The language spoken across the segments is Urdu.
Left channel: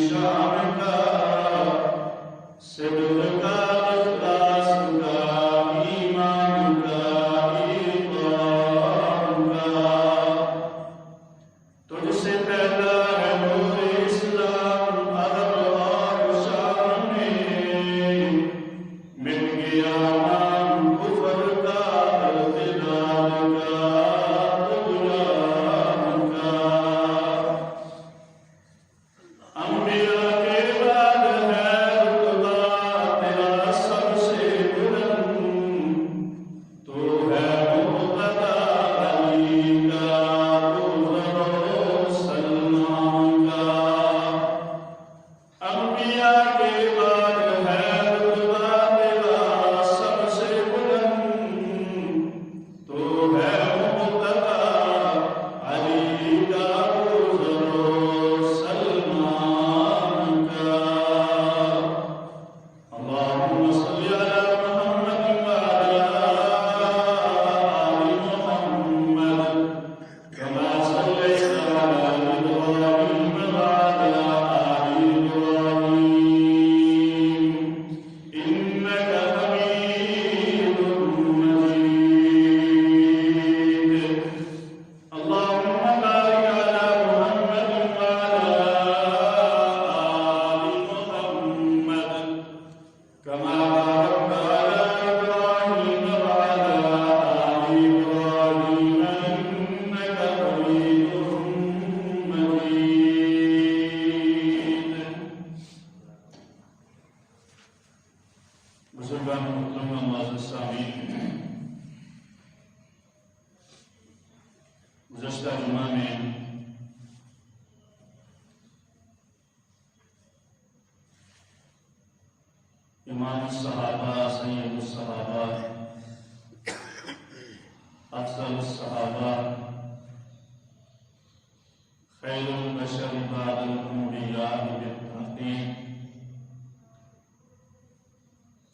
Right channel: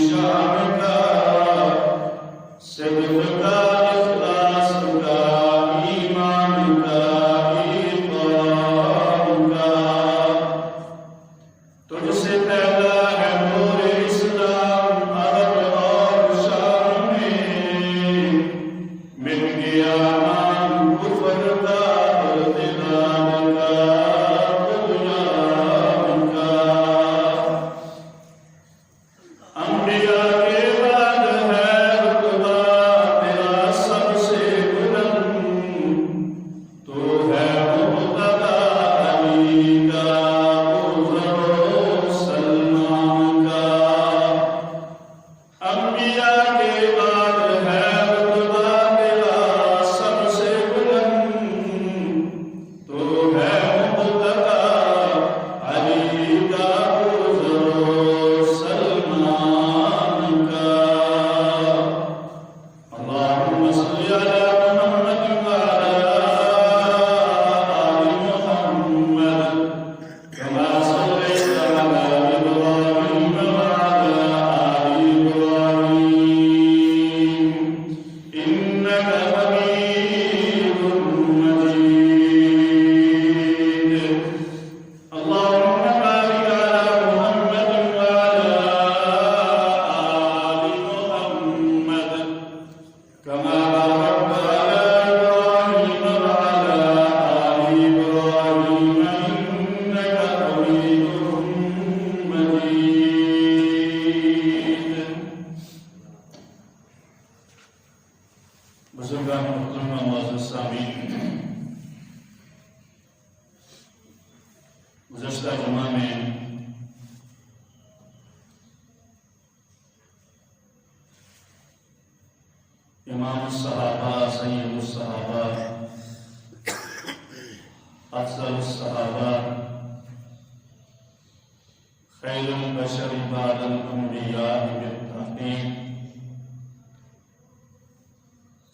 شام کا بزرگان محترم معزز سامعین، گزشتہ جمعہ میں امام الصحابہ، سید الصحابہ، افضل الصحابہ، خیر البشر بعد الانبیاء بالتحقیق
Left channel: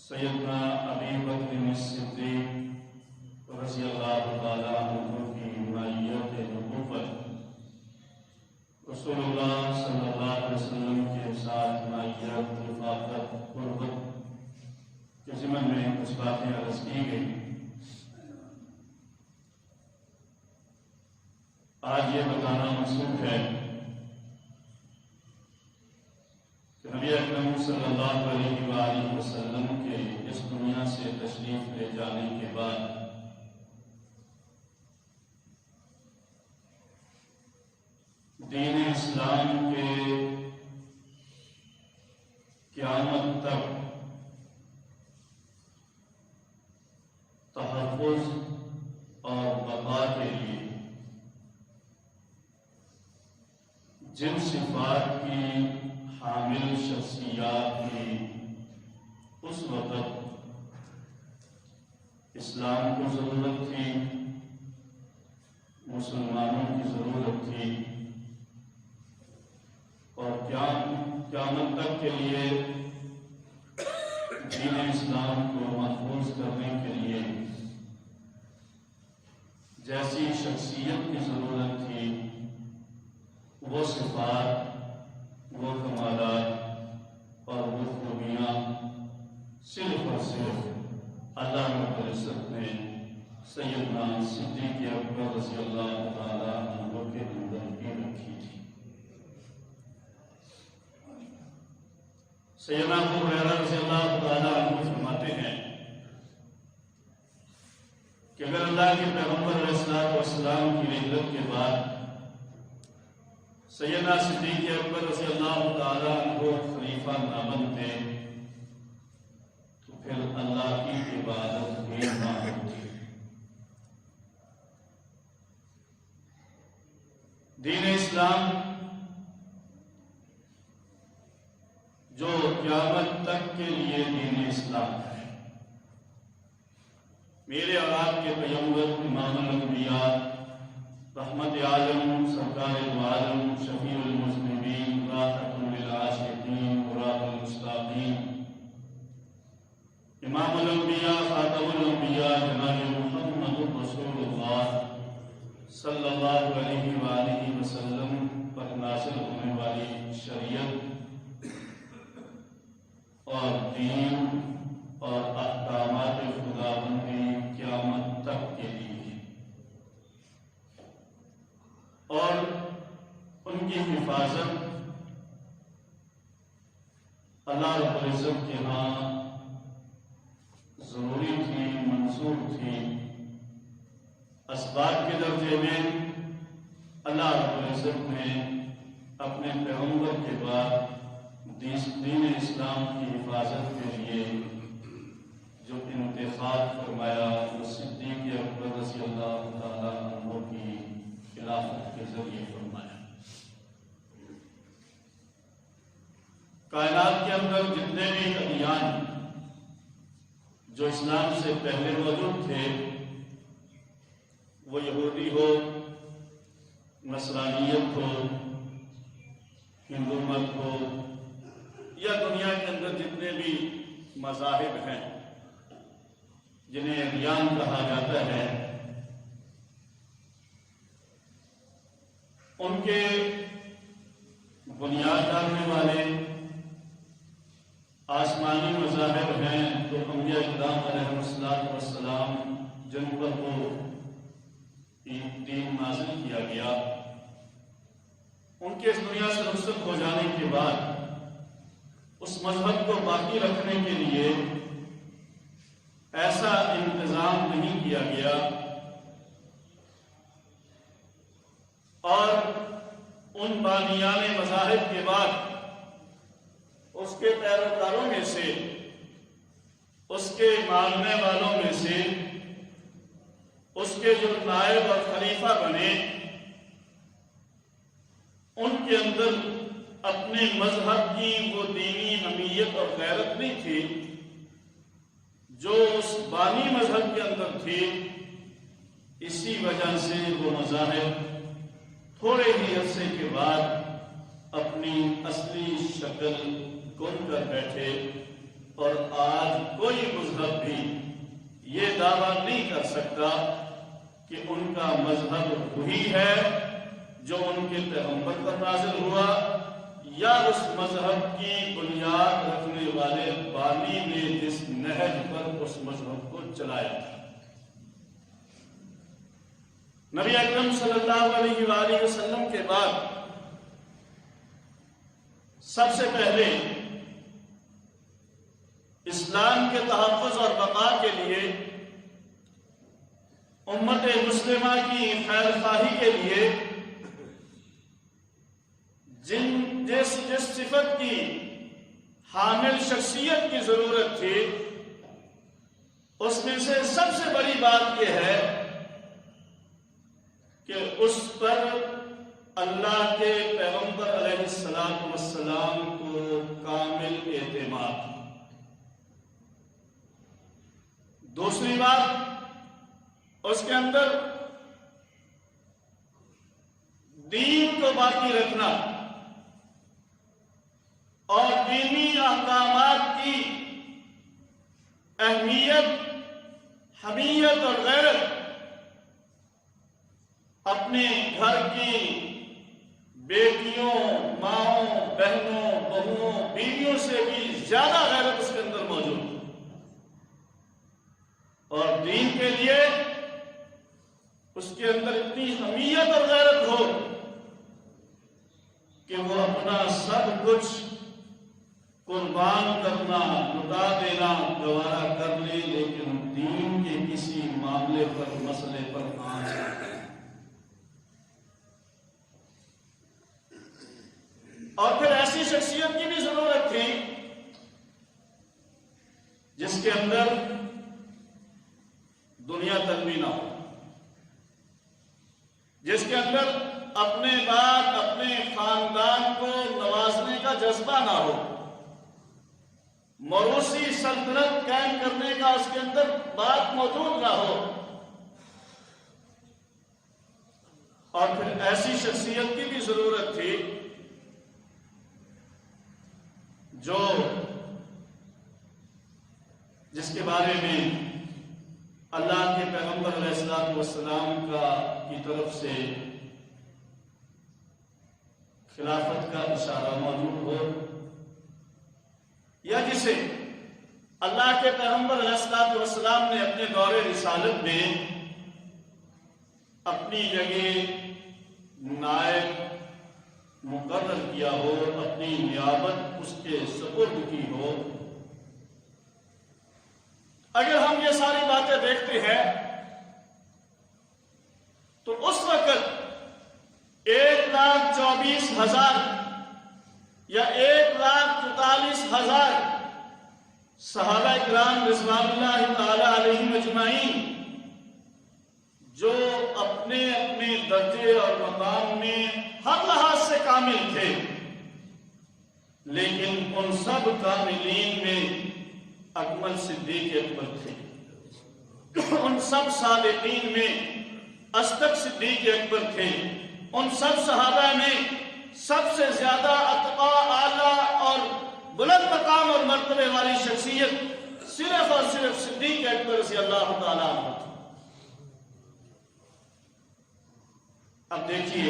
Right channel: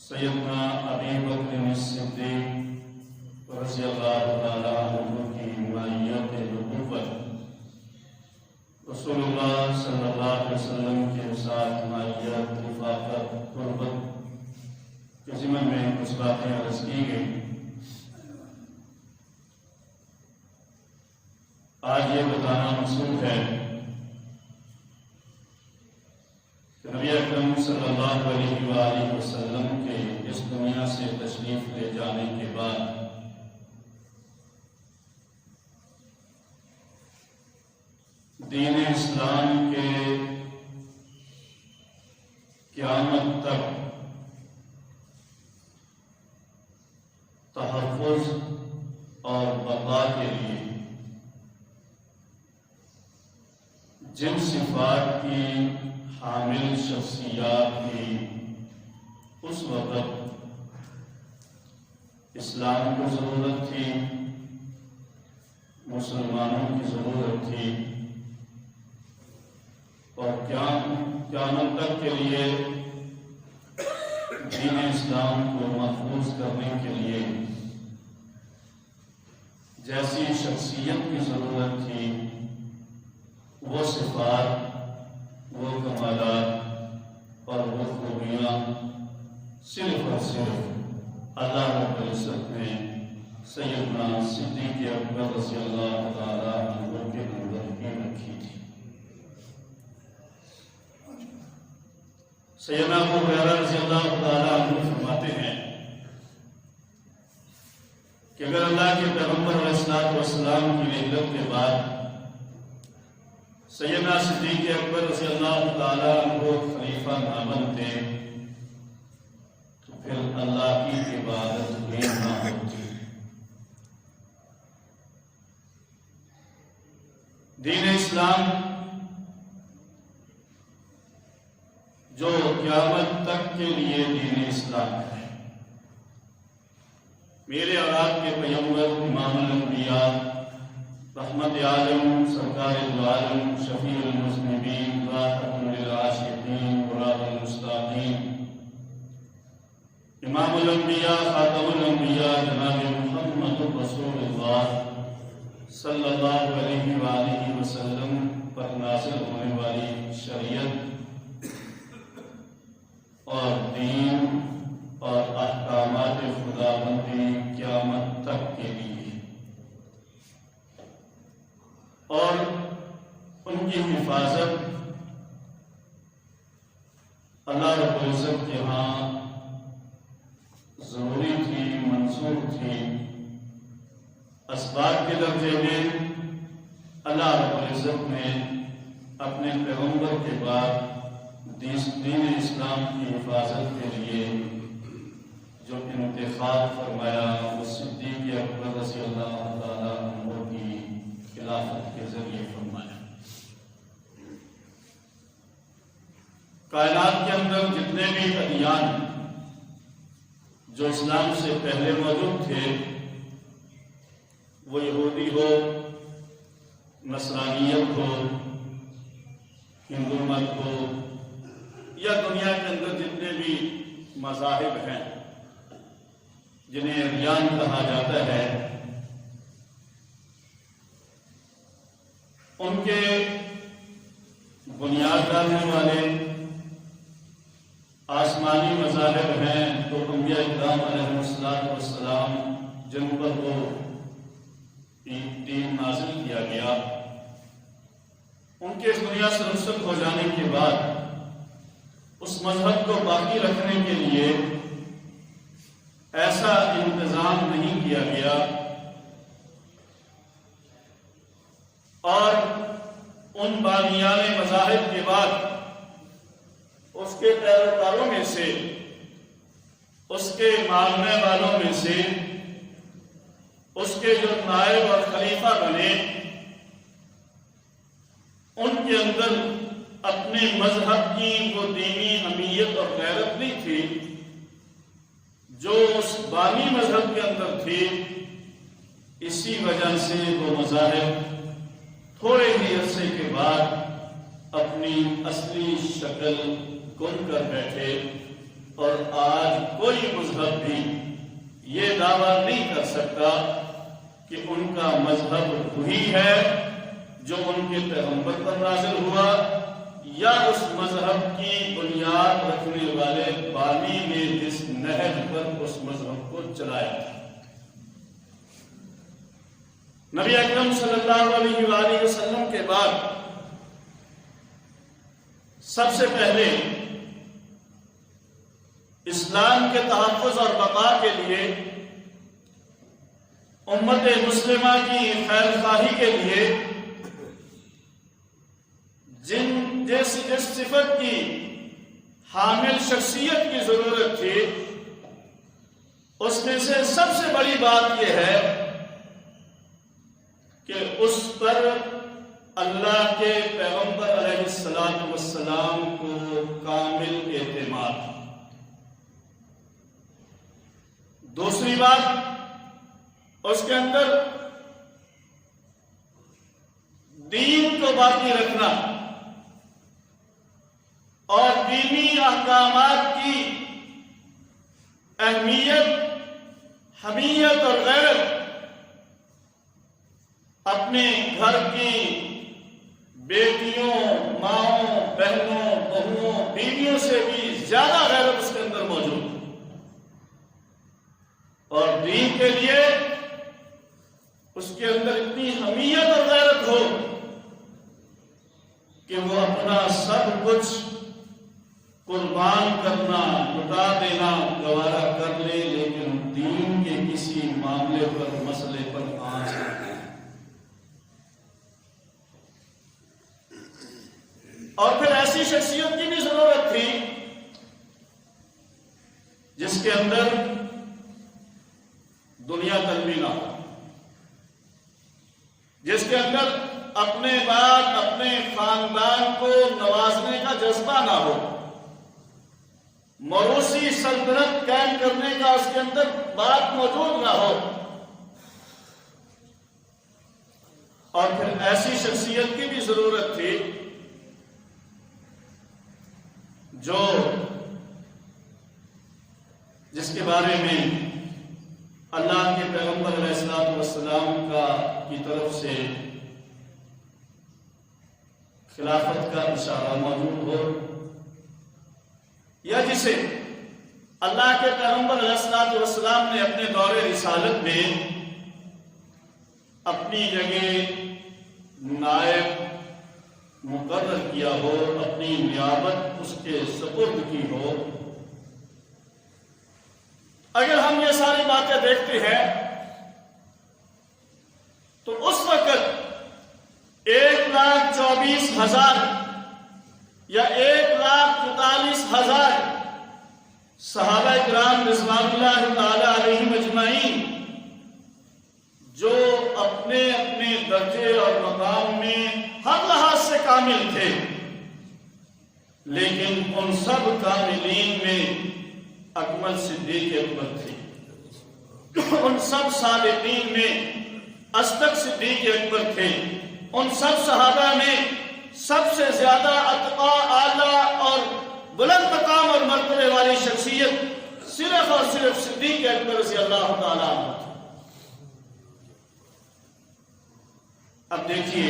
سیدنا ابی بکر الصدیق رضی اللہ تعالی عنہ کی مائیت نبوت، رسول اللہ صلی اللہ علیہ وسلم کے ساتھ مائیت رفاقت قربت کے ضمن میں کچھ باتیں عرض کی گئی۔ آج یہ بتانا منسوخ ہے کہ نبی اکرم صلی اللہ علیہ وآلہ وسلم کے اس دنیا سے تشریف لے جانے کے بعد دین اسلام کے قیامت تک تحفظ اور بقا کے لیے جن صفات کی حامل شخصیات کی اس وقت اسلام کو ضرورت تھی، مسلمانوں کی ضرورت تھی، اور قیامت تک کے لیے دین اسلام کو محفوظ کرنے کے لیے جیسی شخصیت کی ضرورت تھی، وہ صفات، وہ کمالات اور وہ خوبیاں صرف اور صرف اللہ رب العزت نے سیدنا صدیق اکبر رضی اللہ تعالی عنہ کے اندر بھی رکھی تھی۔ سیدنا ابو ہریرہ رضی اللہ تعالی عنہ فرماتے ہیں کہ اگر اللہ کے پیغمبر علیہ السلام کی رحلت کے بعد سیدنا صدیق اکبر رضی اللہ تعالی عنہ خلیفہ نہ بنتے تو پھر اللہ کی عبادت بھی نہ ہوتی۔ دین اسلام جو قیامت تک کے لیے دین اسلام ہے، میرے اور آپ کے پیغمبر امام الانبیاء، رحمت عالم، سرکار دو عالم، شفیع المذنبین، راحت للعاشقین، مراد المستقیم، امام الانبیاء، خاتم الانبیاء، جناب محمد رسول اللہ صلی اللہ علیہ وآلہ وسلم پر نازل ہونے والی شریعت اور دین اور احکامات خداوندی قیامت تک کے لیے اور ان کی حفاظت اللہ رب العزت کے ہاں ضروری تھی، منصور تھی۔ اسباب کے درجے میں اللہ رب العزت نے اپنے پیغمبر کے بعد دین اسلام کی حفاظت کے لیے جو انتخاب فرمایا وہ صدیق اکبر رضی اللہ تعالی عنہ کی خلافت کے ذریعے فرمایا۔ کائنات کے اندر جتنے بھی ادیان جو اسلام سے پہلے موجود تھے، وہ یہودی ہو، نصرانیت ہو، ہندو مت ہو، یا دنیا کے اندر جتنے بھی مذاہب ہیں جنہیں ادیان کہا جاتا ہے، ان کے بنیاد ڈالنے والے آسمانی مذاہب ہیں تو انبیاء اکرام علیہ السلام جن پر وہ دین نازل کیا گیا، ان کے اس دنیا سے رخصت ہو جانے کے بعد اس مذہب کو باقی رکھنے کے لیے ایسا انتظام نہیں کیا گیا اور ان بانیان مذاہب کے بعد اس کے پیروکاروں میں سے اس کے مانگنے والوں میں سے اس کے جو نائب اور خلیفہ بنے ان کے اندر اپنے مذہب کی وہ دینی اہمیت اور غیرت نہیں تھی جو اس بانی مذہب کے اندر تھی. اسی وجہ سے وہ مذاہب تھوڑے ہی عرصے کے بعد اپنی اصلی شکل گم کر بیٹھے اور آج کوئی مذہب بھی یہ دعویٰ نہیں کر سکتا کہ ان کا مذہب وہی ہے جو ان کے پیغمبر پر نازل ہوا یا اس مذہب کی بنیاد رکھنے والے بانی نے جس نہج پر اس مذہب کو چلایا تھا. نبی اکرم صلی اللہ علیہ وآلہ وسلم کے بعد سب سے پہلے اسلام کے تحفظ اور بقا کے لیے امت مسلمہ کی خیر خواہی کے لیے جس صفت کی حامل شخصیت کی ضرورت تھی اس میں سے سب سے بڑی بات یہ ہے کہ اس پر اللہ کے پیغمبر علیہ السلام کو کامل اعتماد. دوسری بات اس کے اندر دین کو باقی رکھنا اور دینی احکامات کی اہمیت، حمیت اور غیرت اپنے گھر کی بیٹیوں، ماؤں، بہنوں، بہوؤں، بیویوں سے بھی زیادہ غیرت اس کے اندر موجود ہے. اور دین کے لیے اس کے اندر اتنی حمیت اور غیرت ہو کہ وہ اپنا سب کچھ قربان کرنا، لٹا دینا گوارا کر لے، لیکن دین کے کسی معاملے پر، مسئلے پر آنچ نہ کرے. اور پھر ایسی شخصیت کی بھی ضرورت تھی جس کے اندر دنیا طلبی نہ ہو، جس کے اندر اپنے بعد اپنے خاندان کو نوازنے کا جذبہ نہ ہو، موروثی سلطنت قائم کرنے کا اس کے اندر بات موجود نہ ہو. اور پھر ایسی شخصیت کی بھی ضرورت تھی جس کے بارے میں اللہ کے پیغمبر علیہ السلام کی طرف سے خلافت کا اشارہ موجود ہو، یا جسے اللہ کے پیغمبر علیہ السلام نے اپنے دور رسالت میں اپنی جگہ نائب مقرر کیا ہو، اپنی نیابت اس کے سپرد کی ہو. اگر ہم یہ ساری باتیں دیکھتے ہیں تو اس وقت 1,24,000 یا 1,44,000 صحابہ کرام رضوان اللہ تعالی علیہم اجمعین جو اپنے اپنے درجے اور مقام میں ہر لحاظ سے کامل تھے، لیکن ان سب کاملین میں اکمل صدیق اکبر تھے. ان سب صادقین میں اصدق صدیق اکبر تھے. ان سب صحابہ میں سب سے زیادہ اتقا، اعلیٰ اور بلند مقام اور مرتبے والی شخصیت صرف اور صرف صدیق اکبر رضی اللہ تعالیٰ عنہ. اب دیکھیے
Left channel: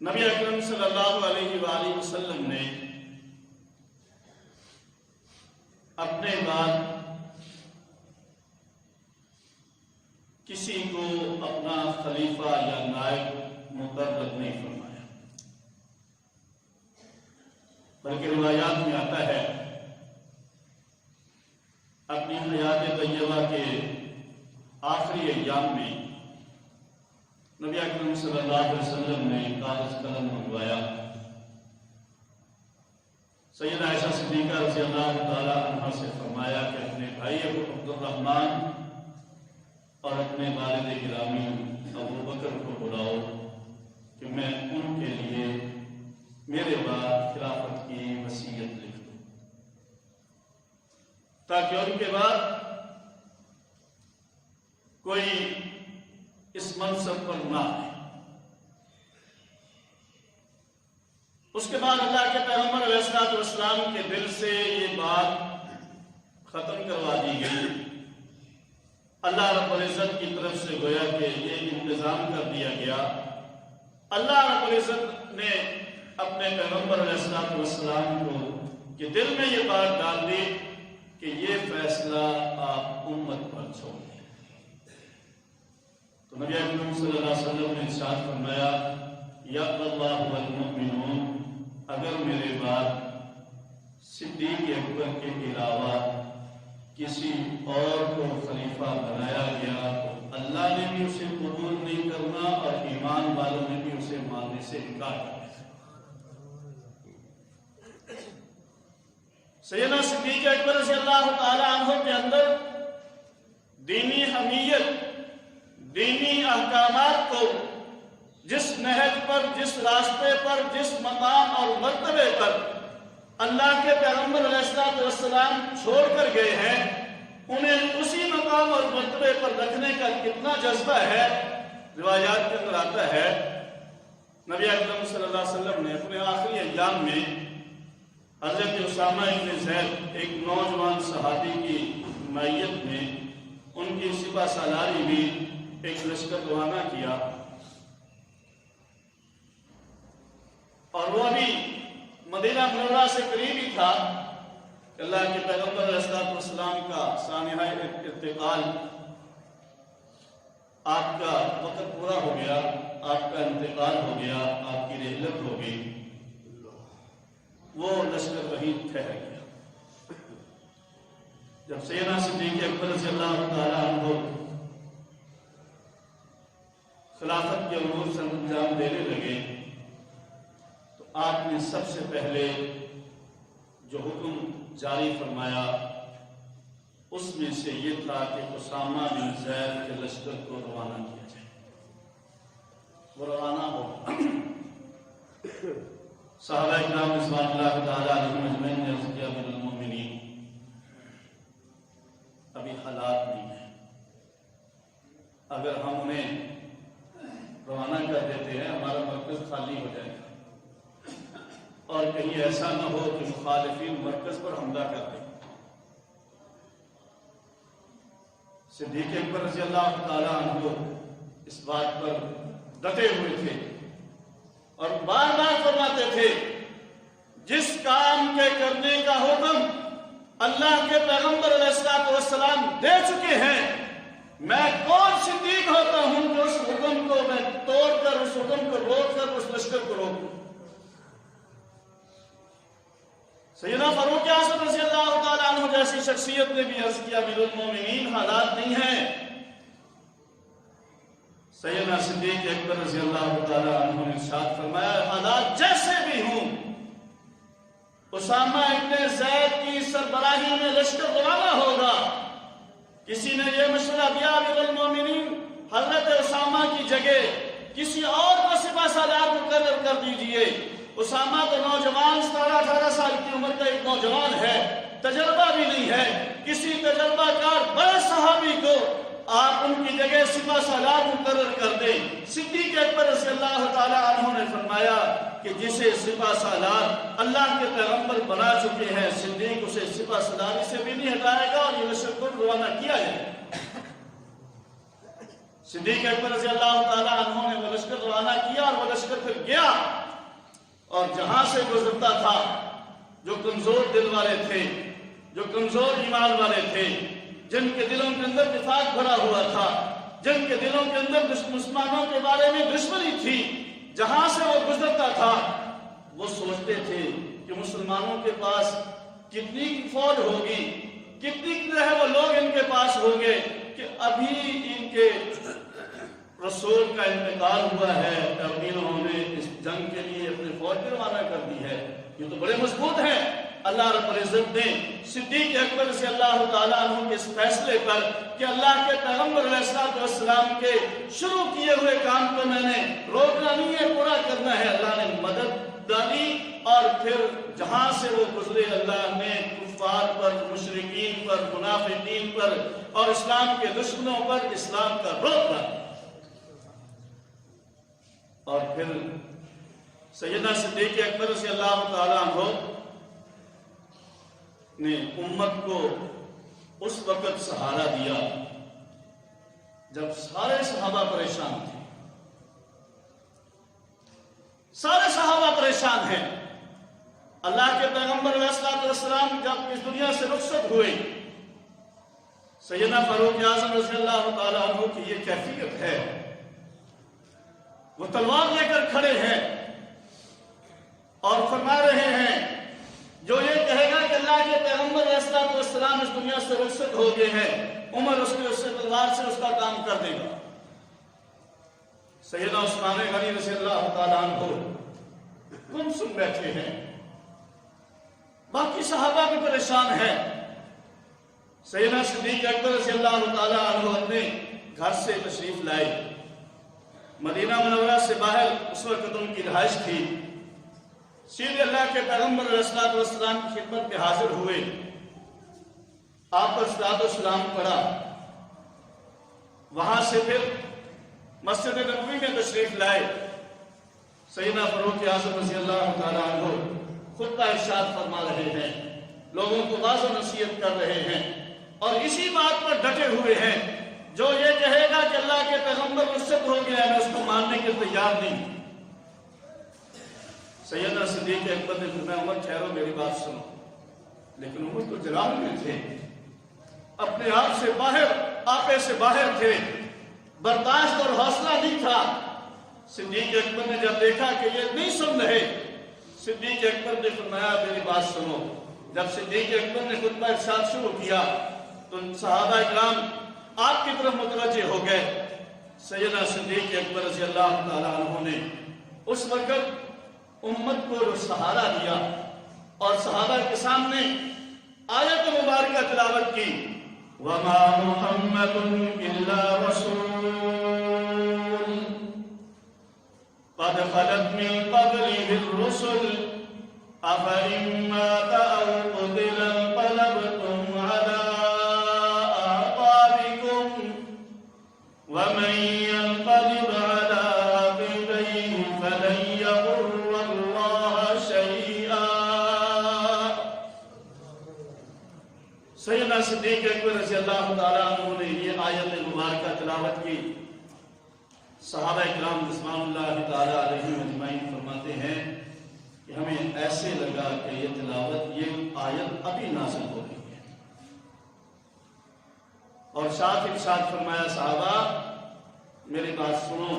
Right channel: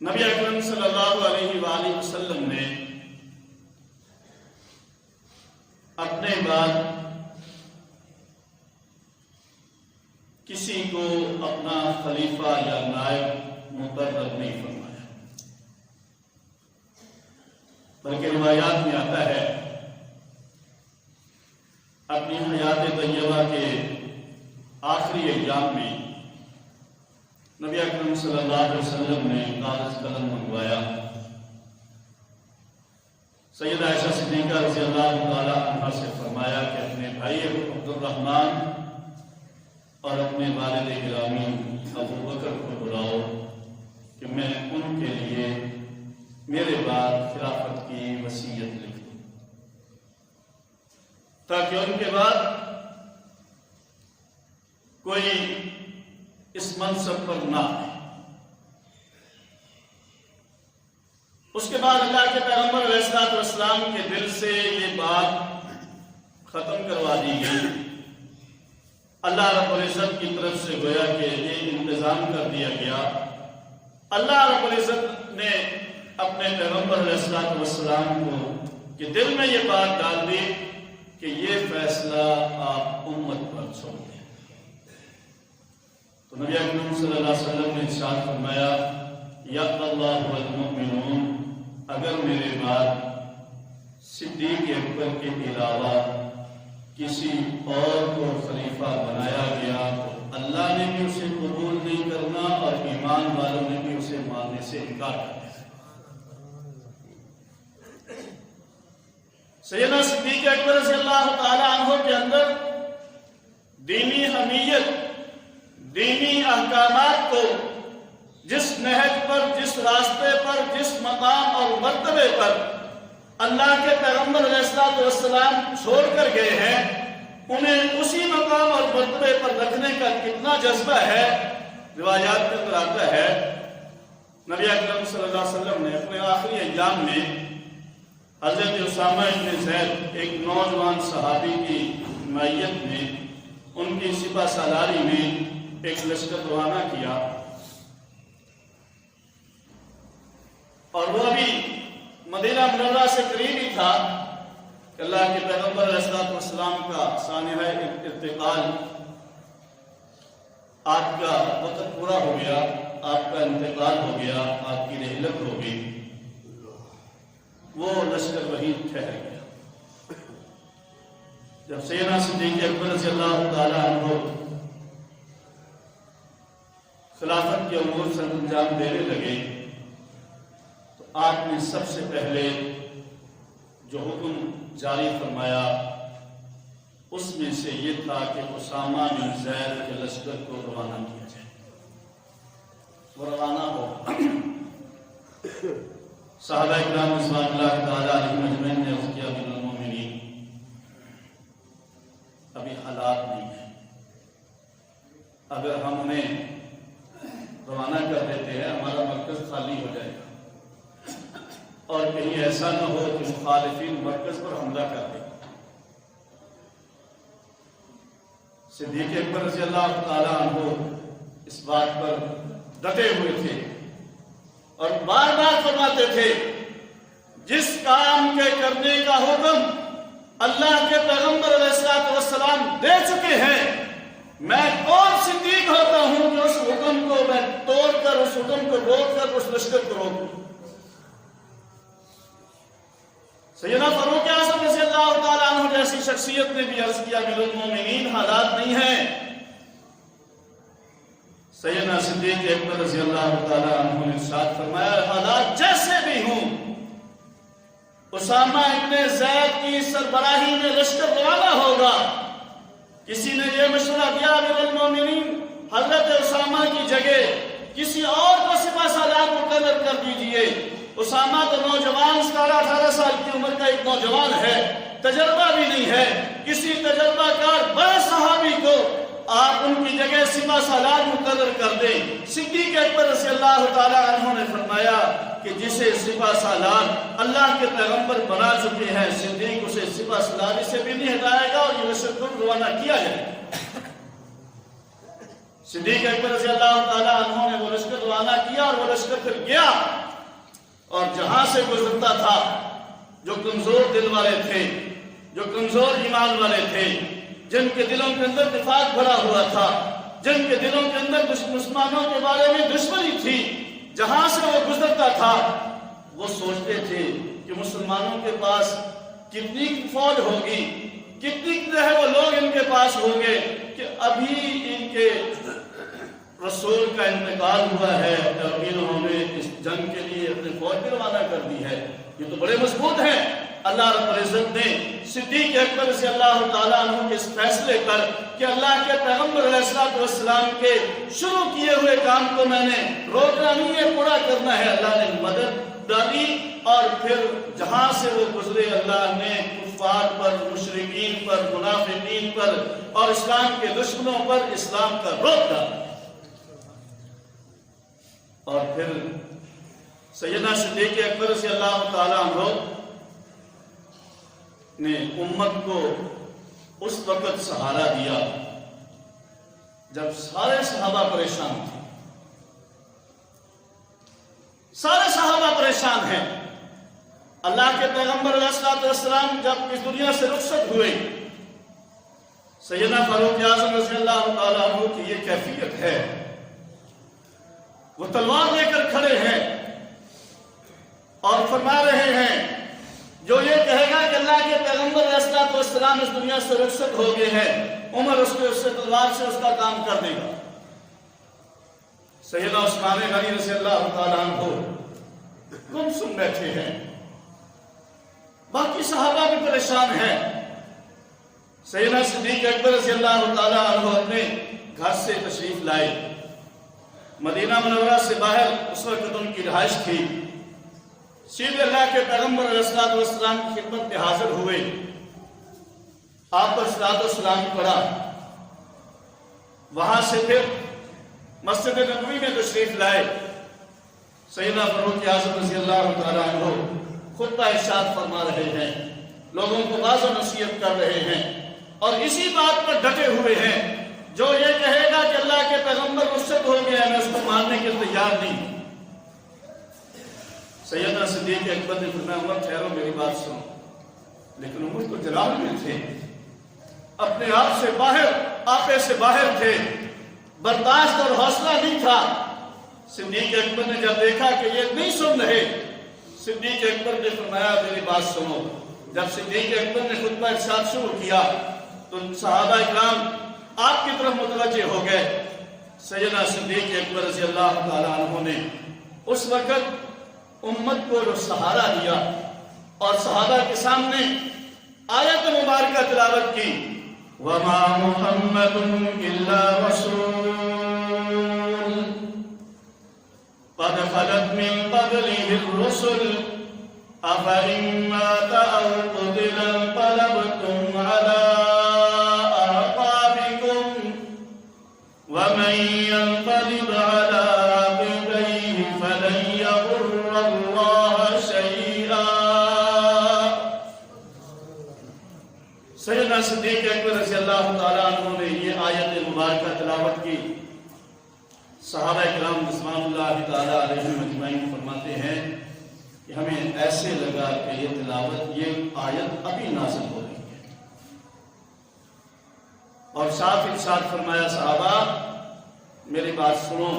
نبی اکرم صلی اللہ علیہ وآلہ وسلم نے اپنے بعد کسی کو اپنا خلیفہ یا نائب مقرر نہیں فرمایا، بلکہ روایات میں آتا ہے اپنی حیات طیبہ کے آخری ایام میں نبی اکرم صلی اللہ علیہ وسلم نے کاغذ قلم منگوایا. سیدہ عائشہ صدیقہ صدیقہ رضی اللہ تعالیٰ عنہ سے فرمایا کہ اپنے بھائی عبد الرحمن اور اپنے والد گرامی ابو بکر کو بلاؤ کہ میں ان کے لیے میرے بعد خلافت کی وصیت لکھوں، تاکہ ان کے بعد کوئی اس منصب پر نہ آئے۔ اس کے بعد اللہ کے پیغمبر علیہ الصلوۃ والسلام کے دل سے یہ بات ختم کروا دی گئی۔ اللہ رب العزت کی طرف سے گویا کہ یہ انتظام کر دیا گیا۔ اللہ رب العزت نے اپنے پیغمبر علیہ الصلوۃ والسلام کو کہ دل میں یہ بات ڈال دی کہ یہ فیصلہ آپ امت پر چھوڑ دیں۔ تو نبی اکرم صلی اللہ علیہ وسلم نے ارشاد فرمایا یَقْضِ اللَّهُ وَالْمُؤْمِنُونَ، اگر میرے بعد صدیق اکبر کے علاوہ کسی اور کو خلیفہ بنایا گیا تو اللہ نے بھی اسے قبول نہیں کرنا اور ایمان والوں نے بھی اسے ماننے سے انکار کرنا۔ سیدنا صدیق اکبر رضی اللہ تعالیٰ عنہ کے اندر دینی حمیت، دینی احکامات کو جس نہج پر، جس راستے پر، جس مقام اور مرتبے پر اللہ کے پیغمبر علیہ الصلوۃ والسلام چھوڑ کر گئے ہیں، انہیں اسی مقام اور مرتبے پر رکھنے کا کتنا جذبہ ہے۔ روایات کے اندر آتا ہے نبی اکرم صلی اللہ علیہ وسلم نے اپنے آخری ایام میں حضرت اسامہ بن زید ایک نوجوان صحابی کی معیت میں، ان کی سپہ سالاری میں ایک لشکر روانہ کیا، اور وہ ابھی مدینہ منورہ سے قریب ہی تھا کہ اللہ کے پیغمبر علیہ الصلوۃ والسلام کا سانحہ انتقال، آپ کا وقت پورا ہو گیا، آپ کا انتقال ہو گیا، آپ کی رحلت ہو گئی۔ وہ لشکر وہی ٹھہر گیا۔ جب سیدنا صدیق اکبر رضی اللہ تعالیٰ عنہ خلافت کے امور سے انجام دینے لگے تو آپ نے سب سے پہلے جو حکم جاری فرمایا اس میں سے یہ تھا کہ اسامہ بن زید کے لشکر کو روانہ کیا جائے۔ وہ روانہ ہو۔ صحابہ کرام رضوان اللہ تعالیٰ علیہم اجمعین نے عرض کیا امیر المومنین، ابھی حالات نہیں ہیں، اگر ہم انہیں روانہ کر دیتے ہیں ہمارا مرکز خالی ہو جائے گا اور کہیں ایسا نہ ہو کہ مخالفین مرکز پر حملہ کر دیں۔ صدیق اکبر رضی اللہ تعالیٰ عنہ اس بات پر ڈٹے ہوئے تھے اور بار بار فرماتے تھے جس کام کے کرنے کا حکم اللہ کے پیغمبر علیہ الصلوۃ والسلام دے چکے ہیں، میں کون صدیق ہوتا ہوں کہ اس حکم کو میں توڑ کر، اس حکم کو روک کر اس لشکر کو روکوں۔ سیدنا فاروق اعظم رضی اللہ تعالیٰ عنہ جیسی شخصیت نے بھی عرض کیا امیر المومنین حالات نہیں ہیں۔ سیدنا صدیق اکبر رضی اللہ تعالیٰ عنہ نے ارشاد فرمایا حالات جیسے بھی ہوں، اسامہ ابن زید کی سربراہی میں لشکر روانہ ہوگا۔ کسی نے یہ مشورہ دیا امیر المومنین حضرت اسامہ کی جگہ کسی اور کو سپہ سالار مقرر کر دیجئے۔ اسامہ تو نوجوان 17-18 سال کی عمر کا ایک نوجوان ہے، تجربہ بھی نہیں ہے، کسی تجربہ کار بڑے صحابی کو آپ ان کی جگہ سپہ سالار مقرر کر دیں۔ صدیق اکبر رضی اللہ تعالیٰ عنہ نے فرمایا کہ جسے سپہ سالار اللہ کے پیغمبر بنا چکے ہیں، صدیق اسے سپہ سالاری سے بھی نہیں ہٹائے گا اور یہ لشکر کو روانہ کیا جائے۔ صدیق اکبر رضی اللہ تعالیٰ عنہ نے وہ لشکر روانہ کیا اور وہ لشکر پھر گیا اور جہاں سے گزرتا تھا جو کمزور دل والے تھے، جو کمزور ایمان والے تھے، جن کے دلوں کے اندر نفاق بھرا ہوا تھا، جن کے دلوں کے اندر مسلمانوں کے بارے میں دشمنی تھی، جہاں سے وہ گزرتا تھا وہ سوچتے تھے کہ مسلمانوں کے پاس کتنی فوج ہوگی، کتنی وہ لوگ ان کے پاس ہوں گے کہ ابھی ان کے رسول کا انتقال ہوا ہے اور انہوں نے اس جنگ کے لیے اپنی فوج بھی روانہ کر دی ہے۔ یہ تو بڑے مضبوط ہیں۔ اللہ رب العزت صدیق اکبر رضی اللہ تعالیٰ عنہ کے اس فیصلے پر کہ اللہ کے پیغمبر علیہ السلام کے شروع کیے ہوئے کام کو میں نے روکنا نہیں ہے، پورا کرنا ہے، اللہ نے مدد ڈالی اور پھر جہاں سے وہ گزرے اللہ نے کفار پر، مشرکین پر، منافقین پر اور اسلام کے دشمنوں پر اسلام کا روک ڈالا۔ اور پھر سیدنا صدیق اکبر رضی اللہ تعالیٰ عنہ نے امت کو اس وقت سہارا دیا جب سارے صحابہ پریشان تھے، سارے صحابہ پریشان ہیں۔ اللہ کے پیغمبر علیہ السلام جب اس دنیا سے رخصت ہوئے، سیدنا فاروق اعظم رضی اللہ تعالیٰ عنہ کی یہ کیفیت ہے، وہ تلوار لے کر کھڑے ہیں اور فرما رہے ہیں جو یہ کہے گا کہ اللہ کے پیغمبر علیہ السلام اس دنیا سے رخصت ہو گئے ہیں، عمر اس سے تلوار سے اس کا کام کر دے گا۔ سیدنا عثمان غنی رضی اللہ تعالیٰ عنہ گم سن بیٹھے ہیں، باقی صحابہ بھی پریشان ہیں۔ سیدنا صدیق اکبر رضی اللہ تعالیٰ عنہ اپنے گھر سے تشریف لائے، مدینہ منورہ سے باہر اس وقت ان کی رہائش تھی، سیدھے اللہ کے پیغمبر علیہ السلام کی خدمت میں حاضر ہوئے، آپ پر صلاۃ والسلام پڑھا، وہاں سے پھر مسجد نبوی میں تشریف لائے۔ سیدنا فاروق اعظم رضی اللہ تعالیٰ عنہ خطبہ ارشاد فرما رہے ہیں، لوگوں کو واضح و نصیحت کر رہے ہیں اور اسی بات پر ڈٹے ہوئے ہیں، جو یہ کہے گا کہ اللہ کے پیغمبر رخصت ہو گیا میں اس کو ماننے کے تیار نہیں۔ سیدنا صدیق اکبر نے فرمایا عمر ٹھہرو میری بات سنو، لیکن عمر تو جلال میں تھے، اپنے آپ سے باہر، آپے سے باہر تھے، برداشت اور حوصلہ نہیں تھا۔ صدیق اکبر نے جب دیکھا کہ یہ نہیں سن رہے، صدیق اکبر نے فرمایا میری بات سنو۔ جب صدیق اکبر نے خطبہ ارشاد شروع کیا تو صحابہ اکرام آپ کی طرف متوجہ ہو گئے۔ سیدنا صدیق اکبر رضی اللہ تعالیٰ عنہ نے اس وقت امت کو جو سہارا دیا اور صحابہ کے سامنے آیت مبارکہ تلاوت کی، وَمَا مُحَمَّدٌ إِلَّا رَسُولٌ قَدْ خَلَتْ مِن قَبْلِهِ الرُّسُلُ أَفَإِن مَّاتَ أَوْ قُتِلَ انقَلَبْتُمْ عَلَىٰ أَعْقَابِكُمْ وَمَن يَنقَلِبْ عَلَىٰ عَقِبَيْهِ فَلَن يَضُرَّ اللَّهَ شَيْئًا۔ سیدنا صدیق اکبر رضی اللہ تعالیٰ عنہ نے یہ آیت مبارکہ تلاوت کی۔ صحابہ کرام رضوان اللہ تعالیٰ علیہم اجمعین فرماتے ہیں کہ ہمیں ایسے لگا کہ یہ تلاوت، یہ آیت ابھی نازل ہو رہی ہے، اور ساتھ ارشاد فرمایا صحابہ میری بات سنو،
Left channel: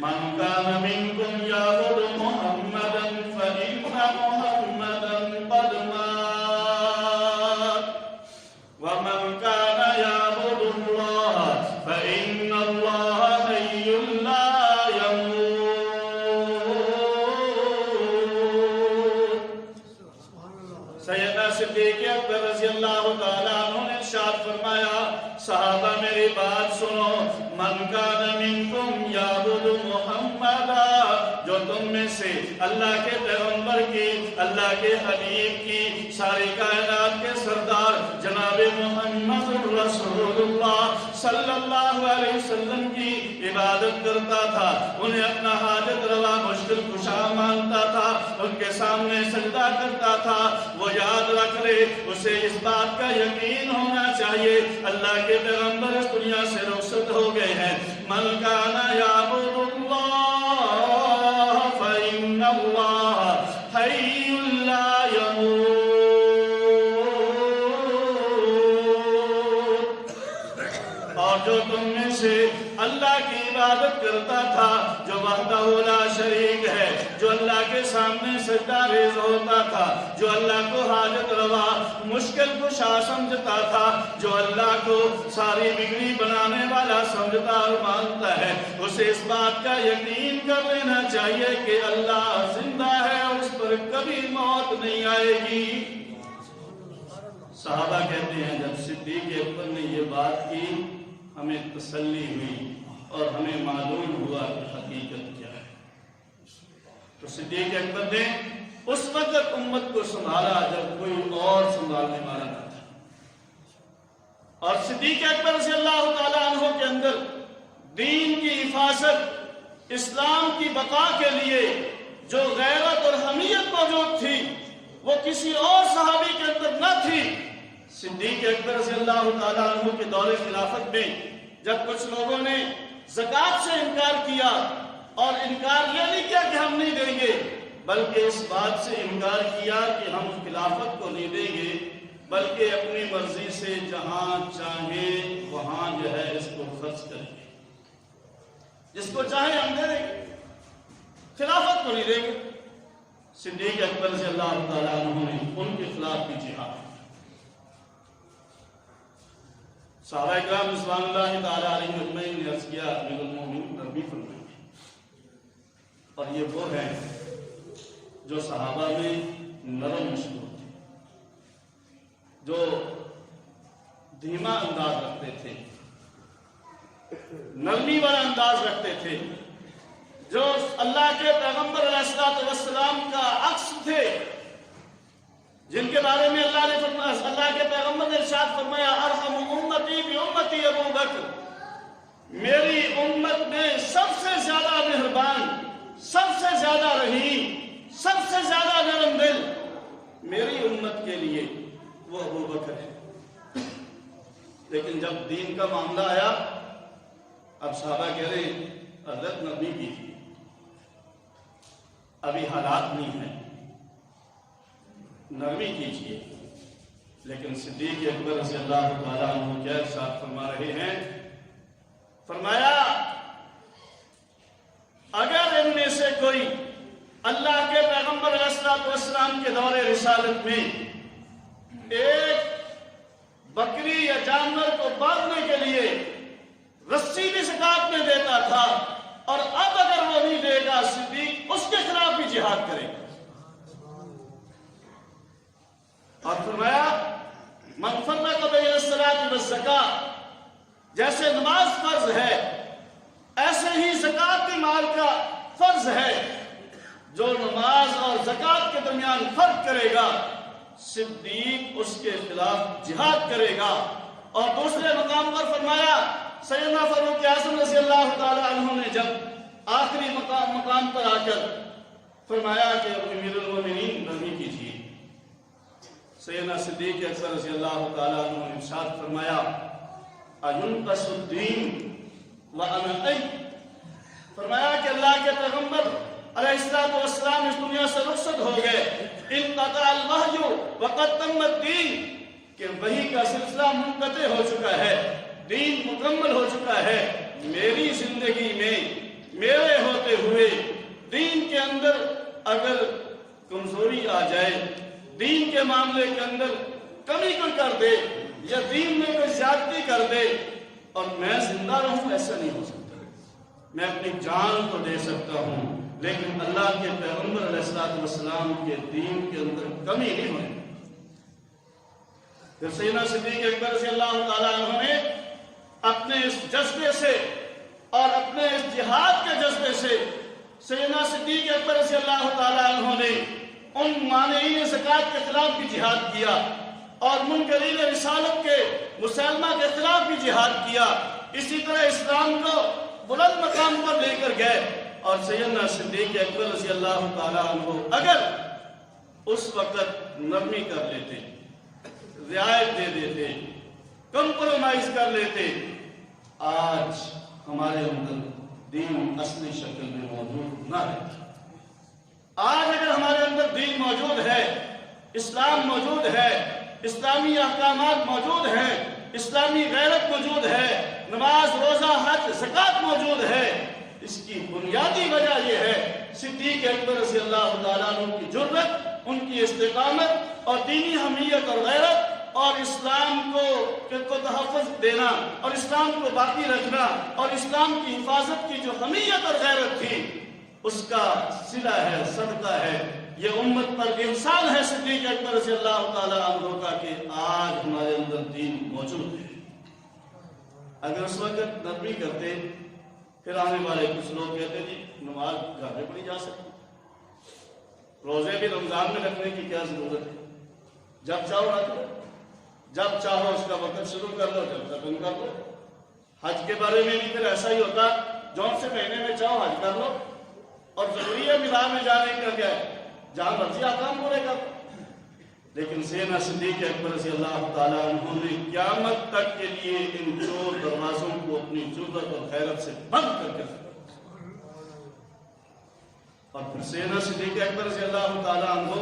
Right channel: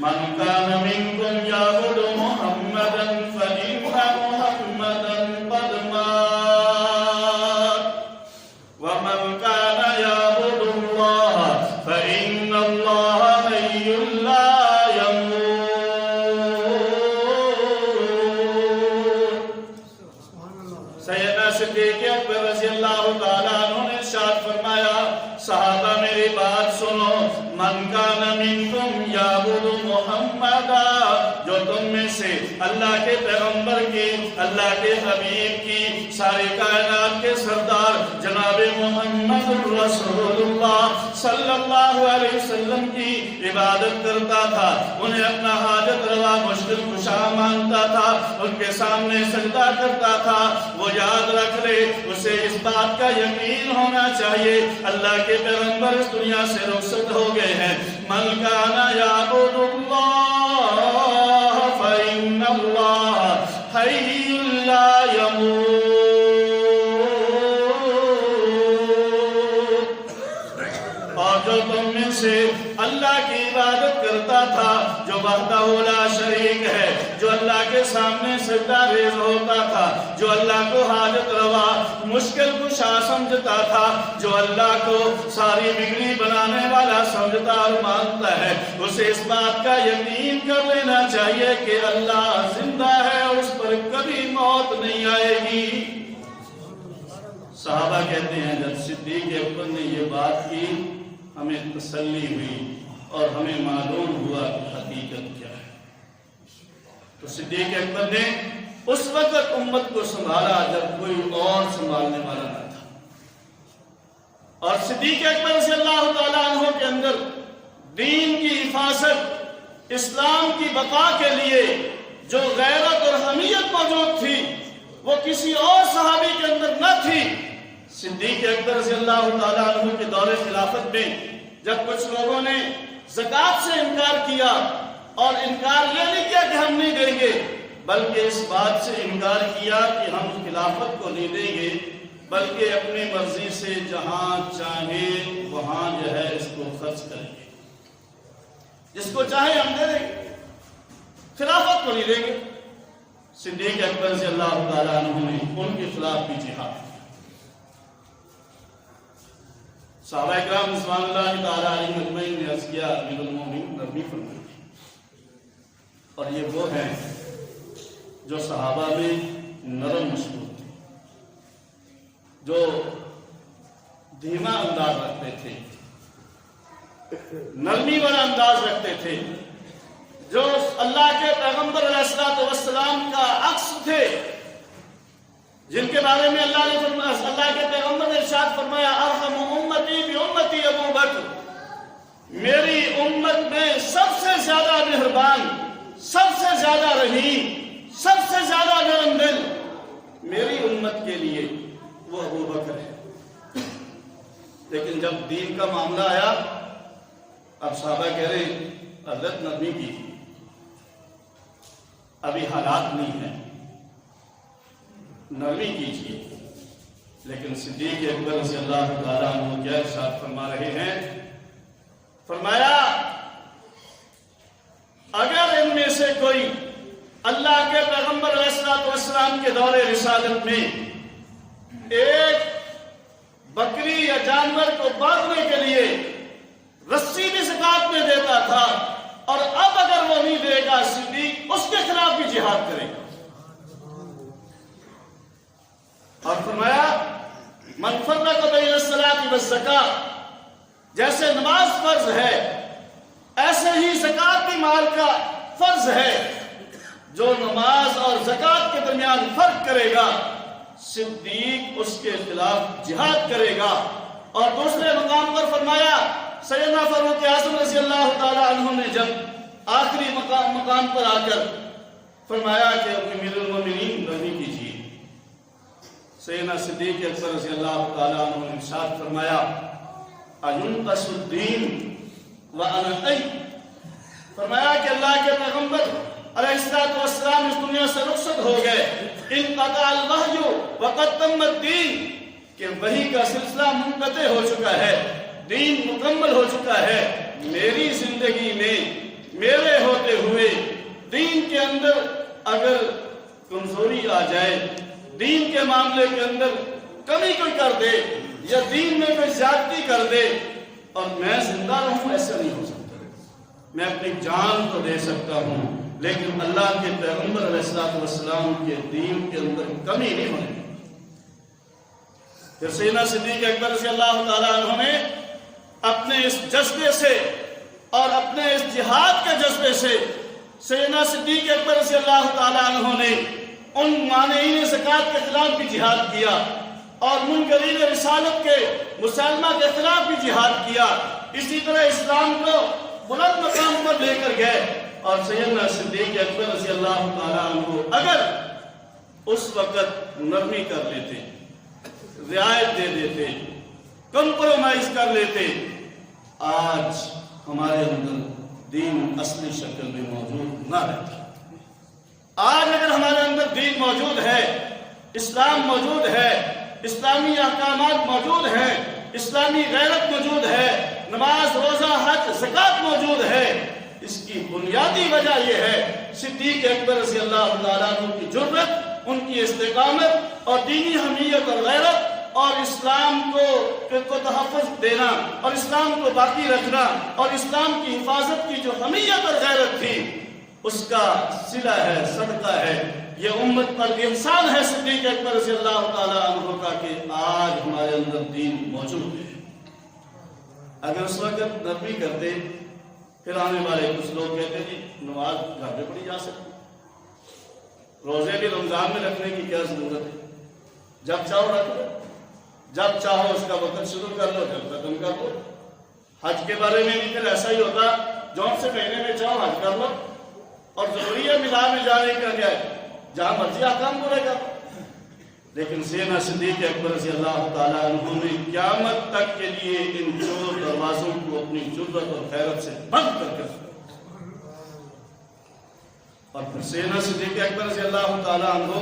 من کان منکم یعبد محمدا فإن محمدا قد مات ومن کان یعبد اللہ فإن اللہ حی لا يموت۔ سیدنا صدیق اکبر رضی اللہ تعالیٰ عنہ نے ارشاد فرمایا صحابہ میری بات سنو، من کان منکم یعبد محمدا، جو تم میں سے اللہ کے پیغمبر کی، اللہ کے حبیب کی، سارے کائنات کے سردار جناب محمد رسول اللہ صلی اللہ علیہ وسلم کی عبادت کرتا تھا، انہیں اپنا حاجت روا مشکل کشا مانتا تھا، ان کے سامنے سجدہ کرتا تھا، وہ یاد رکھ لے، اسے اس بات کا یقین ہونا چاہیے اللہ کے پیغمبر اس دنیا سے رخصت ہو گئے ہیں۔ من کان یعبد اللہ فإن اللہ حی لا يموت۔ اور جو تم میں سے اللہ کی عبادت کرتا تھا، جو وحدہ لا شریک ہے، جو اللہ کے سامنے سجدہ ریز ہوتا تھا، جو اللہ کو حاجت روا مشکل کشا سمجھتا تھا، جو اللہ کو ساری بگڑی بنانے والا سمجھتا اور مانتا ہے، اسے اس بات کا یقین کر لینا چاہیے کہ اللہ زندہ ہے اور اس پر کبھی موت نہیں آئے گی۔ صحابہ کہتے ہیں جب صدیق اکبر نے یہ بات کی ہمیں تسلی ہوئی اور ہمیں معلوم ہوا کہ حقیقت کیا ہے۔ تو صدیق اکبر نے اس وقت امت کو سنبھالا جب کوئی اور سنبھالنے والا نہ تھا، اور صدیق اکبر رضی اللہ تعالیٰ عنہ کے اندر دین کی حفاظت، اسلام کی بقا کے لیے جو غیرت اور حمیت موجود تھی وہ کسی اور صحابی کے اندر نہ تھی۔ صدیق اکبر رضی اللہ تعالیٰ عنہ کے دور خلافت میں جب کچھ لوگوں نے زکوٰۃ سے انکار کیا، اور انکار یہ نہیں کیا کہ ہم نہیں دیں گے، بلکہ اس بات سے انکار کیا کہ ہم خلافت کو نہیں دیں گے، بلکہ اپنی مرضی سے جہاں چاہے وہاں جو ہے اس کو خرچ کریں گے، جس کو چاہے ہم دے دیں گے، خلافت کو نہیں دیں گے۔ صدیق اکبر رضی اللہ تعالیٰ عنہ نے ان کے خلاف بھی جہاد کیا۔ صحابہ کرام رضوان اللہ تعالیٰ علیہ اجمعین نے عرض کیا امیر المومنین نبی فرمائے، اور یہ وہ ہیں جو صحابہ میں نرم مشہور تھے، جو دھیما انداز رکھتے تھے، نرمی والا انداز رکھتے تھے، جو اللہ کے پیغمبر علیہ الصلوۃ والسلام کا عکس تھے، جن کے بارے میں اللہ کے پیغمبر نے ارشاد فرمایا ارحم امتی بامتی ابو بکر، میری امت میں سب سے زیادہ مہربان، سب سے زیادہ رحیم، سب سے زیادہ نرم دل میری امت کے لیے وہ ابو بکر ہے۔ لیکن جب دین کا معاملہ آیا، اب صحابہ کہہ رہے حضرت نبی کی ابھی حالات نہیں ہیں، نرمی کیجیے۔ لیکن صدیق اکبر رضی اللہ تعالیٰ عنہ کیا ارشاد فرما رہے ہیں، فرمایا اگر ان میں سے کوئی اللہ کے پیغمبر علیہ الصلوۃ والسلام کے دور رسالت میں ایک بکری یا جانور کو باندھنے کے لیے رسی بھی زکوٰۃ میں دیتا تھا، اور اب اگر وہ نہیں دے گا، صدیق اس کے خلاف بھی جہاد کرے گا۔ اور فرمایا من فرق بین الصلاۃ والزکاۃ، جیسے نماز فرض ہے ایسے ہی زکوٰۃ بھی مال کا فرض ہے، جو نماز اور زکوٰۃ کے درمیان فرق کرے گا صدیق اس کے خلاف جہاد کرے گا۔ اور دوسرے مقام پر فرمایا سیدنا فاروق اعظم رضی اللہ تعالیٰ عنہ نے جب آخری مقام پر آ کر فرمایا کہ امیر المومنین نرمی کیجیے، سیدنا صدیق اکبر رضی اللہ تعالیٰ عنہ نے ارشاد فرمایا اَيُنْقَصُ الدِّينُ وَأَنَا حَيٌّ، فرمایا کہ اللہ کے پیغمبر علیہ الصلوۃ والسلام اس دنیا سے رخصت ہو گئے، انقطع الوحی وقد تم الدین، کہ وحی کا سلسلہ منقطع ہو چکا ہے، دین مکمل ہو چکا ہے۔ میری زندگی میں میرے ہوتے ہوئے دین کے اندر اگر کمزوری آ جائے، دین کے معاملے کے اندر کمی کوئی کر دے، یا دین میں کوئی زیادتی کر دے، اور میں زندہ رہوں، ایسا نہیں ہو سکتا۔ میں اپنی جان تو دے سکتا ہوں، لیکن اللہ کے پیغمبر علیہ الصلوۃ والسلام کے دین کے اندر کمی نہیں ہونے۔ پھر سیدنا صدیق اکبر رضی اللہ تعالیٰ عنہ نے اپنے اس جذبے سے اور اپنے اس جہاد کے جذبے سے سیدنا صدیق اکبر رضی اللہ تعالیٰ عنہ نے ان مانعین زکوٰۃ کے خلاف بھی جہاد کیا، اور منکرین رسالت کے مسلمہ کے خلاف بھی جہاد کیا۔ اسی طرح اسلام کو بلند مقام پر لے کر گئے، اور سیدنا صدیق اکبر رضی اللہ تعالیٰ عنہ اگر اس وقت نرمی کر لیتے، رعایت دے دیتے، کمپرومائز کر لیتے، آج ہمارے اندر دین اصلی شکل میں موجود نہ رہتا۔ آج اگر ہمارے اندر دین موجود ہے، اسلام موجود ہے، اسلامی احکامات موجود ہیں، اسلامی غیرت موجود ہے، نماز روزہ حج زکوٰۃ موجود ہے، اس کی بنیادی وجہ یہ ہے صدیق اکبر رضی اللہ تعالیٰ عنہ کی جرأت، ان کی استقامت اور دینی حمیت اور غیرت، اور اسلام کو تحفظ دینا، اور اسلام کو باقی رکھنا، اور اسلام کی حفاظت کی جو حمیت اور غیرت تھی، اس کا صلہ ہے، صدقہ ہے یہ امت پر احسان ہے صدیق اکبر رضی اللہ تعالیٰ عنہ کا کہ آج ہمارے اندر دین موجود ہے۔ اگر اس وقت نبی کرتے پھر آنے والے کچھ لوگ کہتے ہیں نماز گھر میں پڑھی جا سکتی، روزے بھی رمضان میں رکھنے کی کیا ضرورت ہے، جب چاہو رکھ لو، جب چاہو اس کا وقت شروع کر لو، جب ختم کر لو۔ حج کے بارے میں بھی پھر ایسا ہی ہوتا، جون سے مہینے میں چاہو حج کر لو، اور ضروری ہے میلاد میں جانے کے لیے جہاں مرضی احکام پورے کر۔ لیکن سیدنا صدیق اکبر رضی اللہ تعالیٰ عنہ نے قیامت تک کے لیے ان چور دروازوں کو اپنی جرأت اور غیرت سے بند کر کے، اور پھر سیدنا صدیق اکبر رضی اللہ تعالیٰ عنہ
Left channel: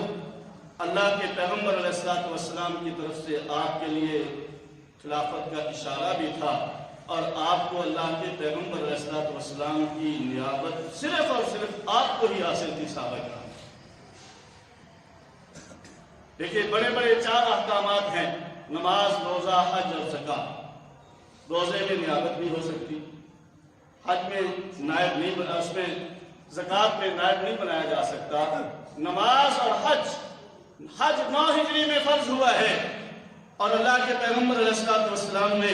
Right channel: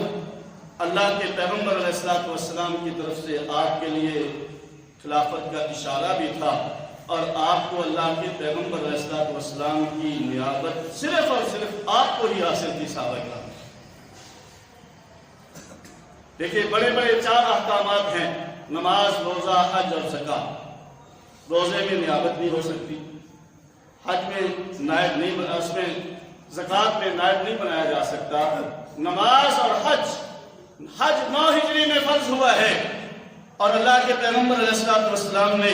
اللہ کے پیغمبر علیہ السلام کی طرف سے آپ کے لیے خلافت کا اشارہ بھی تھا، اور آپ کو اللہ کے پیغمبر علیہ السلام کی نیابت صرف اور صرف آپ کو ہی حاصل تھی صحابہ کرام۔ دیکھیے بڑے بڑے 4 احکامات ہیں، نماز، روزہ، حج اور زکوٰۃ۔ روزے میں نیابت نہیں ہو سکتی، حج میں نائب نہیں بنا، اس میں زکوٰۃ میں نائب نہیں بنایا جا سکتا۔ نماز اور حج 9 ہجری میں فرض ہوا ہے، اور اللہ کے پیغمبر علیہ السلام نے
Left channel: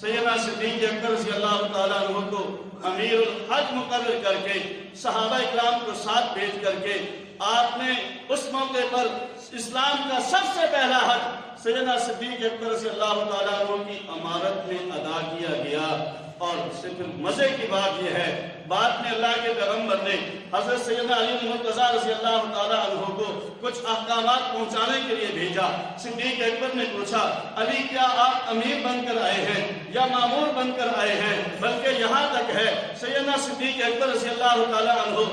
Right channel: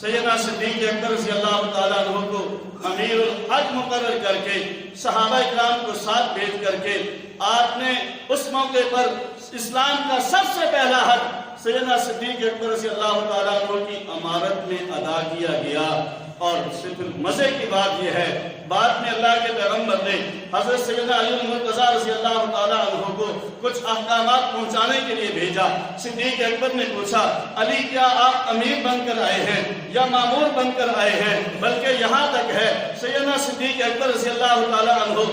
سیدنا صدیق اکبر رضی اللہ تعالیٰ عنہ کو امیر الحج مقرر کر کے صحابہ اکرام کو ساتھ بھیج کر کے آپ نے اس موقع پر اسلام کا سب سے پہلا حج سیدنا صدیق اکبر رضی اللہ تعالیٰ عنہ کی امارت میں ادا کیا گیا۔ اور صرف مزے کی بات یہ ہے، بعد میں اللہ کے پیغمبر نے حضرت سیدنا علی مرتضیٰ رضی اللہ تعالیٰ عنہ کو کچھ احکامات پہنچانے کے لیے بھیجا۔ صدیق اکبر نے پوچھا، علی کیا آپ امیر بن کر آئے ہیں یا مامور بن کر آئے ہیں؟ بلکہ یہاں تک ہے سیدنا صدیق اکبر رضی اللہ تعالیٰ عنہ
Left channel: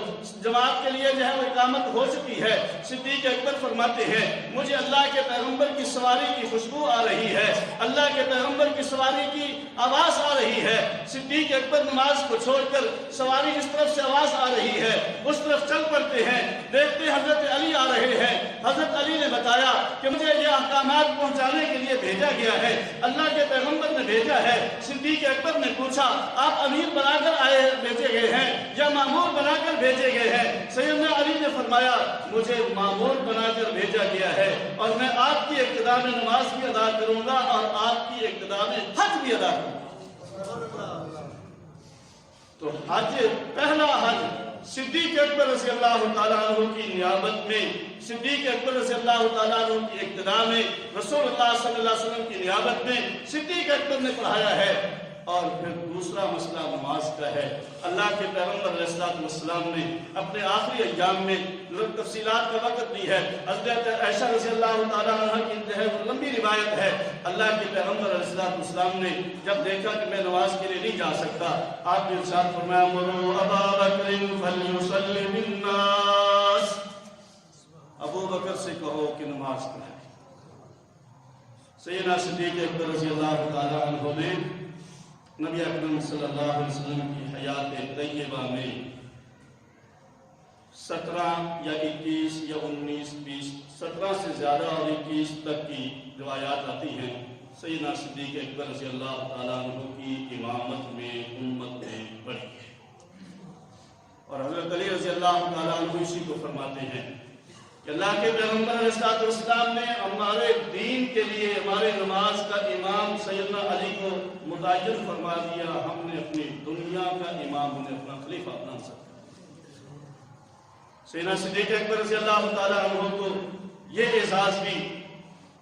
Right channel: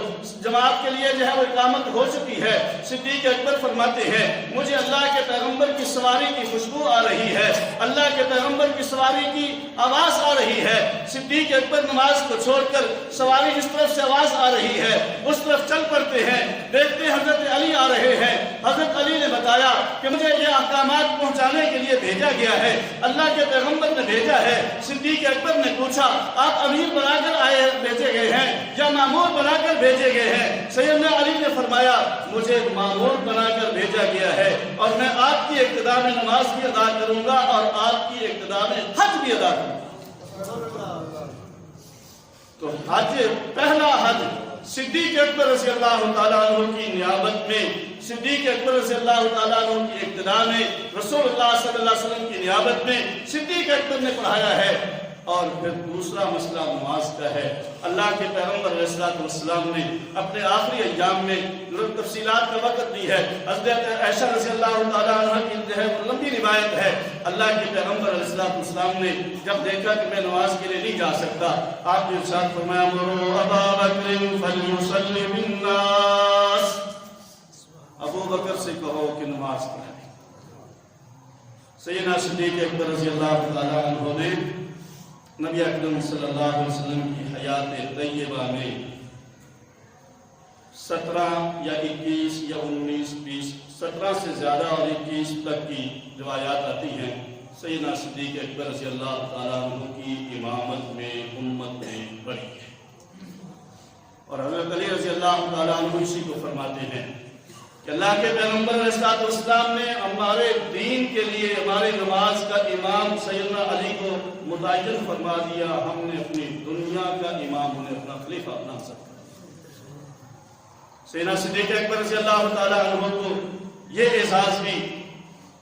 جماعت کے لیے جو ہے وہ اقامت ہو چکی ہے، صدیق اکبر فرماتے ہیں مجھے اللہ کے پیغمبر کی سواری کی خوشبو آ رہی ہے، اللہ کے پیغمبر کی سواری کی آواز آ رہی ہے۔ صدیق اکبر نماز کو چھوڑ کر سواری جس طرف سے آواز آ رہی ہے اس طرف چل پڑتے ہیں، دیکھتے حضرت علی آ رہے ہیں۔ حضرت علی نے بتایا کہ مجھے یہ احکامات پہنچانے کے لیے بھیجا گیا ہے، اللہ کے پیغمبر نے بھیجا ہے۔ صدیق اکبر نے پوچھا آپ امیر بنا کر بھیجے گئے ہیں یا مامور بنا کر بھیجے گئے ہیں؟ سیدنا علی نے فرمایا مجھے مامور بنا کر بھیجا گیا ہے، اور میں آپ کی اقتداء میں نماز بھی ادا کروں گا اور آپ کی اقتداء میں حج بھی ادا کروں گا۔ تو حج، پہلا حج صدیق اکبر رضی اللہ تعالیٰ عنہ کی نیابت میں، صدیق اکبر رضی اللہ تعالیٰ عنہ کی اقتداء میں، رسول اللہ صلی اللہ علیہ وسلم کی نیابت میں صدیق اکبر نے پڑھایا ہے۔ اور پھر دوسرا مسئلہ نماز کا ہے۔ اللہ کے پیغمبر علیہ السلام نے اپنے آخری ایام میں تفصیلات کا وقت دی ہے۔ حضرت عائشہ رضی اللہ تعالیٰ عنہ کی جو ہے لمبی روایت ہے، اللہ کے پیغمبر علیہ السلام نے جب دیکھا کہ میں نماز کے لیے نہیں جا سکتا، آپ نے ارشاد فرمایا مروا ابا بکر فلیصلی بالناس، ابو بکر سے کہو کہ نماز پڑھائے۔ سیدنا صدیق اکبر رضی اللہ تعالیٰ عنہ نے نبی اکرم صلی اللہ علیہ وسلم کی حیات طیبہ میں 17 یا 21 یا 19 20 17 سے زیادہ اور 21 تک کی روایات آتی ہیں، سیدنا صدیق اکبر رضی اللہ تعالیٰ عنہ کی امامت میں امت میں بڑھی ہے۔ اور حضرت علی رضی اللہ تعالیٰ عنہ اسی کو فرماتے ہیں کہ اللہ کے پیغمبر علیہ السلام نے ہمارے دین کے لیے ہماری نماز کا امام سیدنا علی کو متعین فرما دیا، ہم نے اپنی دنیا کا امام انہیں اپنا خلیفہ بنا سکتا۔ سیدنا صدیق اکبر رضی اللہ تعالیٰ عنہ کو یہ اعزاز بھی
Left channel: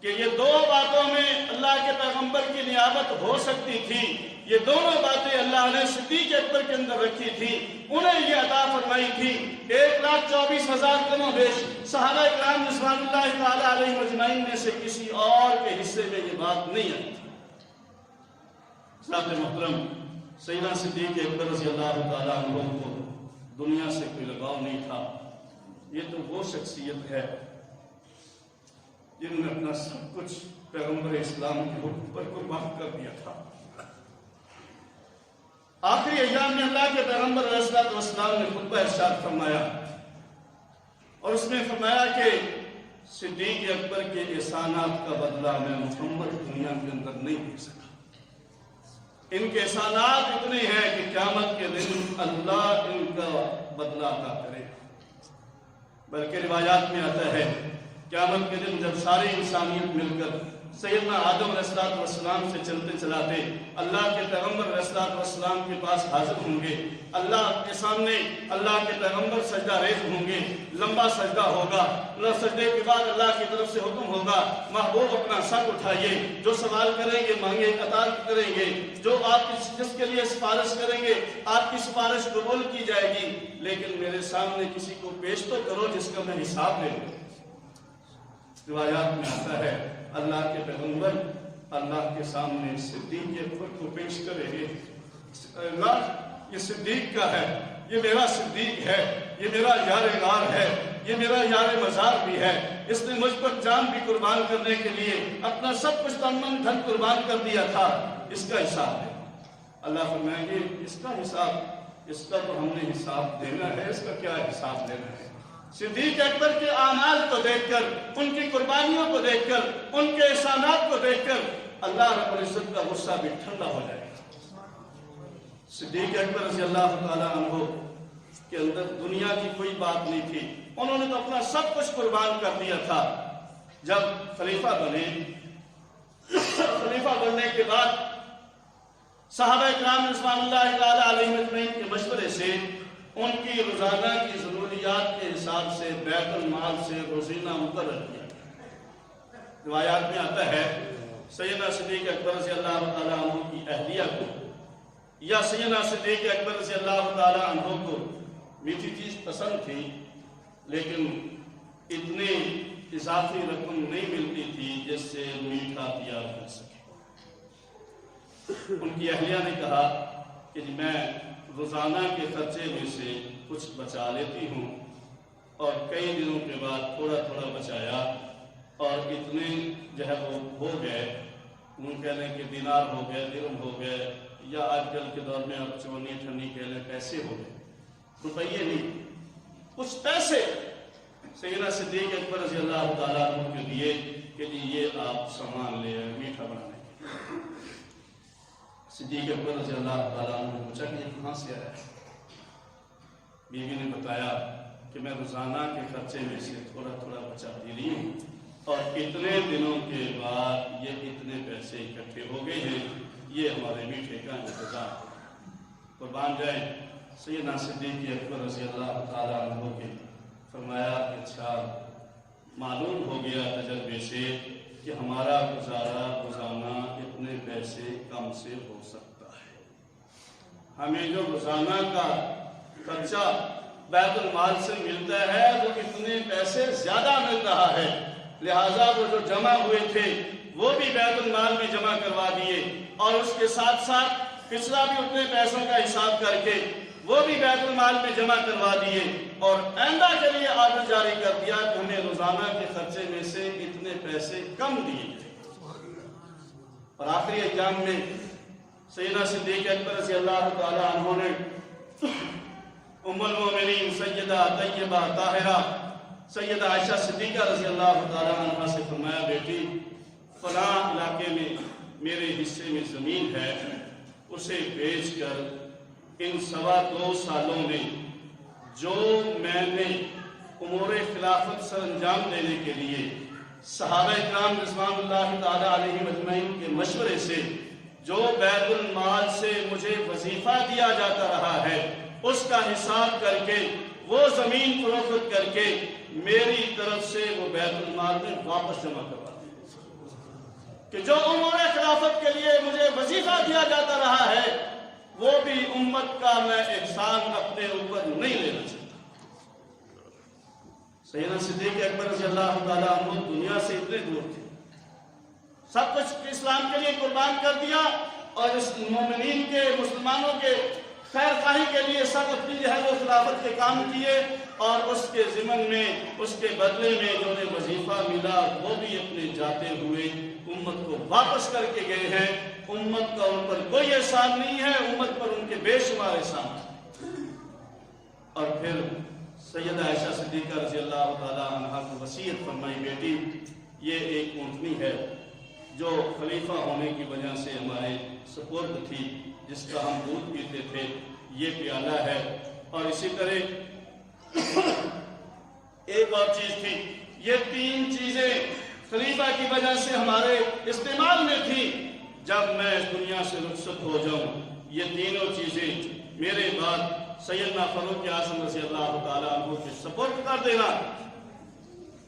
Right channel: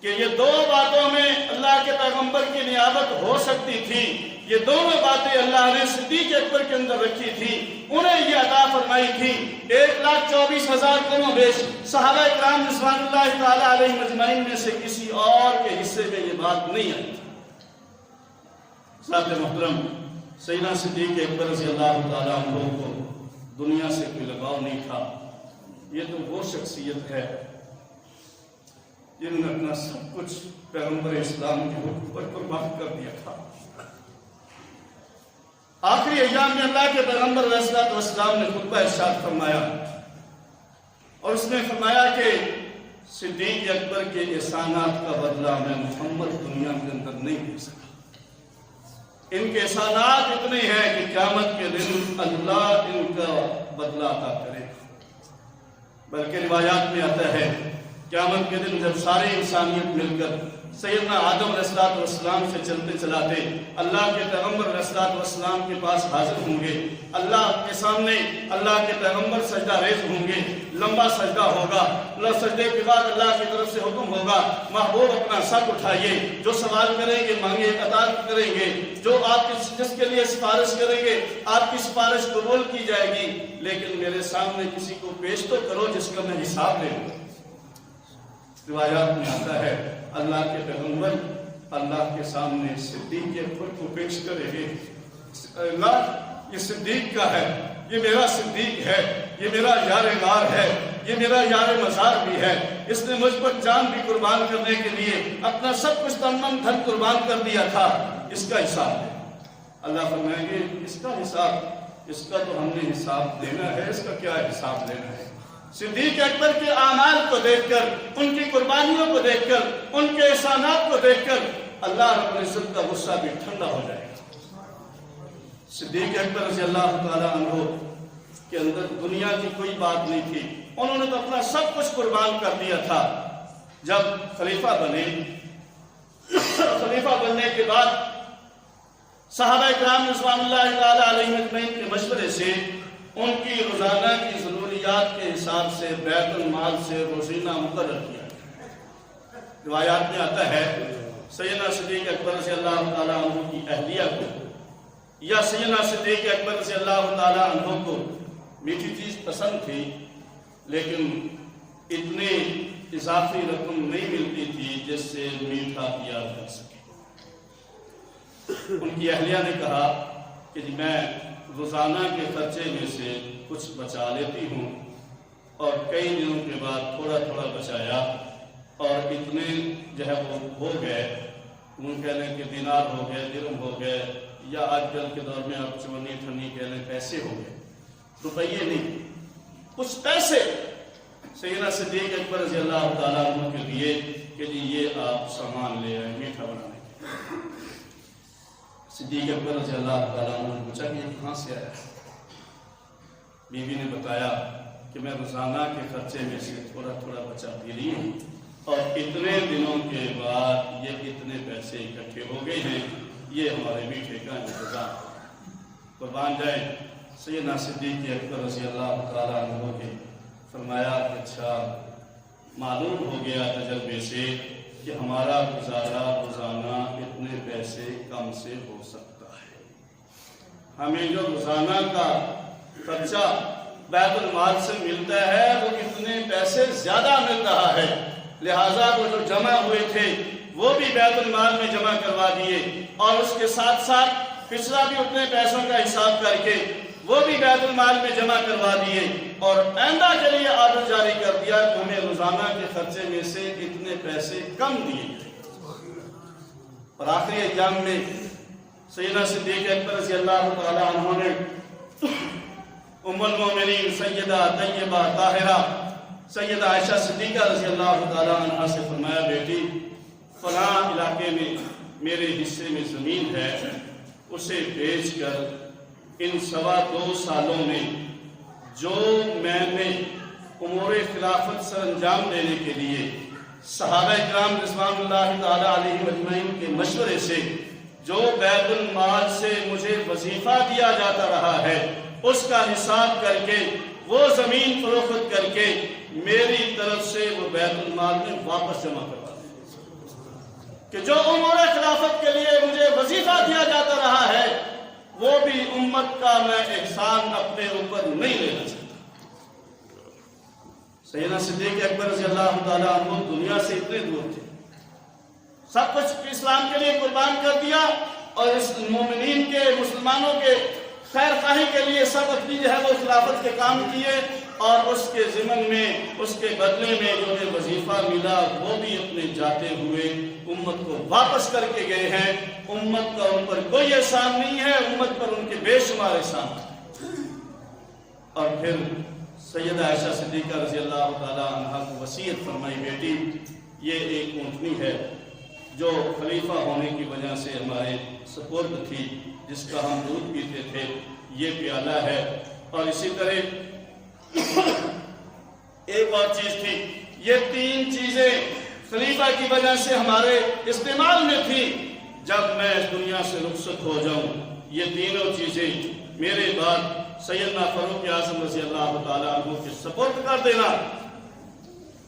کہ یہ 2 باتوں میں اللہ کے پیغمبر کی نیابت ہو سکتی تھی، یہ دونوں باتیں اللہ نے صدیق اکبر کے اندر رکھی تھی، انہیں یہ عطا فرمائی تھی۔ 1,24,000 کم و بیش صحابہ کرام رضوان اللہ تعالیٰ علیہ مجمعین میں سے کسی اور کے حصے میں یہ بات نہیں آئی۔ ساتھ محترم، سیدنا صدیق اکبر رضی اللہ تعالیٰ عنہ کو دنیا سے کوئی لگاؤ نہیں تھا۔ یہ تو وہ شخصیت ہے جنہوں نے اپنا سب کچھ پیغمبر اسلام کے حکم پر قربان کر دیا تھا۔ آخری ایام میں اللہ کے پیغمبر علیہ السلام نے خطبہ ارشاد فرمایا، اور اس میں فرمایا کہ صدیق اکبر کے احسانات کا بدلہ میں محمد دنیا کے اندر نہیں دے سکا۔ ان کے احسانات اتنے ہیں کہ قیامت کے دن اللہ ان کا بدلہ عطا کرے۔ بلکہ روایات میں آتا ہے قیامت کے دن جب ساری انسانیت مل کر سیدنا آدم علیہ السلام سے چلتے چلاتے اللہ کے پیغمبر علیہ السلام کے پاس حاضر ہوں گے، اللہ کے سامنے اللہ کے پیغمبر سجدہ ریز ہوں گے، لمبا سجدہ ہوگا، سجدے کے بعد اللہ کی طرف سے حکم ہوگا محبوب اپنا سر اٹھائیے، جو سوال کریں گے مانگے عطا کریں گے، جو آپ جس کے لیے سفارش کریں گے آپ کی سفارش قبول کی جائے گی، لیکن میرے سامنے کسی کو پیش تو کرو جس کا میں حساب لے لوں۔ روایات میں آتا ہے اللہ کے پیغمبر اللہ کے سامنے صدیق اکبر کو پیش کریں گے، اللہ یہ صدیق کا ہے، یہ میرا صدیق ہے، یہ میرا یار غار ہے، یہ میرا یار مزار بھی ہے، اس نے مجھ پر جان بھی قربان کرنے کے لیے اپنا سب کچھ تن من دھن قربان کر دیا تھا، اس کا حساب ہے۔ اللہ فرمائیں گے اس کا حساب، اس کا تو ہم نے حساب دینا ہے، اس کا کیا حساب دینا ہے؟ صدیق اکبر کے اعمال کو دیکھ کر، ان کی قربانیوں کو دیکھ کر، ان کے احسانات کو دیکھ کر اللہ رب العزت کا غصہ بھی ٹھنڈا ہو جائے گا۔ صدیق اکبر رضی اللہ تعالیٰ عنہ کے اندر دنیا کی کوئی بات نہیں تھی، انہوں نے تو اپنا سب کچھ قربان کر دیا تھا۔ جب خلیفہ بنے، خلیفہ بننے کے بعد صحابہ کرام رضوان اللہ تعالیٰ علیہم اجمعین کے مشورے سے ان کی روزانہ کی ضروریات کے حساب سے بیت المال سے روزینہ مقرر کیا۔ روایات میں آتا ہے سیدنا صدیق اکبر رضی اللہ تعالیٰ عنہ کی اہلیہ کو یا سیدنا صدیق اکبر رضی اللہ تعالیٰ عنہ کو میٹھی چیز پسند تھی، لیکن اتنی اضافی رقم نہیں ملتی تھی جس سے میٹھا کیا جا سکے۔ ان کی اہلیہ نے کہا کہ میں روزانہ کے خرچے میں سے کچھ بچا لیتی ہوں، اور کئی دنوں کے بعد تھوڑا تھوڑا بچایا اور اتنے جو ہے وہ ہو گئے، ان کہنے کہ دینار ہو گئے، درہم ہو گئے، یا آج کل کے دور میں آپ چونی تھنی کہنے پیسے ہو گئے، روپیے نہیں، کچھ پیسے سیدنا صدیق اکبر رضی اللہ تعالیٰ عنہ کے لیے کہ جی یہ آپ سامان لے آئے میٹھا بنانے کے لیے۔ صدیق اکبر رضی اللہ تعالیٰ عنہ نے پوچھا کہ یہ کہاں سے آیا؟ بیوی نے بتایا کہ میں روزانہ کے خرچے میں سے تھوڑا تھوڑا بچاتی رہی ہوں، اور اتنے دنوں کے بعد یہ اتنے پیسے اکٹھے ہو گئے ہیں، یہ ہمارے میٹھے کا انتظام۔ قربان جائیں سیدنا صدیق اکبر رضی اللہ تعالیٰ عنہ کے فرمایا کہ اچھا معلوم ہو گیا تجربے سے کہ ہمارا گزارا روزانہ اتنے پیسے کم سے ہو سکتا ہے، ہمیں جو روزانہ کا خرچہ بیت المال سے ملتا ہے وہ اتنے پیسے زیادہ مل رہا ہے، لہٰذا وہ جو جمع ہوئے تھے وہ بھی بیت المال میں جمع کروا دیے، اور اس کے ساتھ ساتھ پچھلا بھی اتنے پیسوں کا حساب کر کے وہ بھی بیت المال میں جمع کروا دیے، اور آئندہ کے لیے آرڈر جاری کر دیا کہ ہمیں روزانہ کے خرچے میں سے اتنے پیسے کم دیے۔ اور آخری ایام میں سیدنا صدیق اکبر رضی اللہ تعالیٰ عنہ نے ام المومنین سیدہ طیبہ طاہرہ سیدہ عائشہ صدیقہ رضی اللہ تعالیٰ عنہ سے فرمایا بیٹی فلاں علاقے میں میرے حصے میں زمین ہے، اسے بیچ کر ان 2.25 سالوں میں جو میں نے امور خلافت سر انجام دینے کے لیے صحابہ کرام رضوان اللہ تعالیٰ علیہ اجمعین کے مشورے سے جو بیت المال سے مجھے وظیفہ دیا جاتا رہا ہے اس کا حساب کر کے وہ زمین فروخت کر کے میری طرف سے وہ بیت المال میں واپس جمع کروا دیں، کہ جو امور خلافت کے لیے مجھے وظیفہ دیا جاتا رہا ہے وہ بھی امت کا میں احسان اپنے اوپر نہیں لینا چاہتا۔ سیدنا صدیق اکبر رضی اللہ تعالیٰ عنہ دنیا سے اتنے دور تھے، سب کچھ اسلام کے لیے قربان کر دیا، اور اس مومنین کے مسلمانوں کے خیر خواہی کے لیے سب اپنی جو ہے وہ خلافت کے کام کیے، اور اس کے ضمن میں اس کے بدلے میں جو بھی وظیفہ ملا وہ بھی اپنے جاتے ہوئے امت کو واپس کر کے گئے ہیں۔ امت کا ان پر کوئی احسان نہیں ہے، امت پر ان کے بے شمار احسان ہے۔ اور پھر سیدہ عائشہ صدیقہ رضی اللہ تعالیٰ عنہ کو وصیت فرمائی بیٹی یہ ایک اونٹنی ہے جو خلیفہ ہونے کی وجہ سے ہمارے سپرد تھی، جس کا ہم دودھ پیتے تھے، یہ پیالہ ہے، اور اسی طرح ایک اور چیز تھی، یہ تین چیزیں خلیفہ کی وجہ سے ہمارے استعمال میں تھی، جب میں اس دنیا سے رخصت ہو جاؤں یہ تینوں چیزیں میرے بعد سیدنا فاروق اعظم رضی اللہ تعالیٰ عنہ کے سپرد کر دینا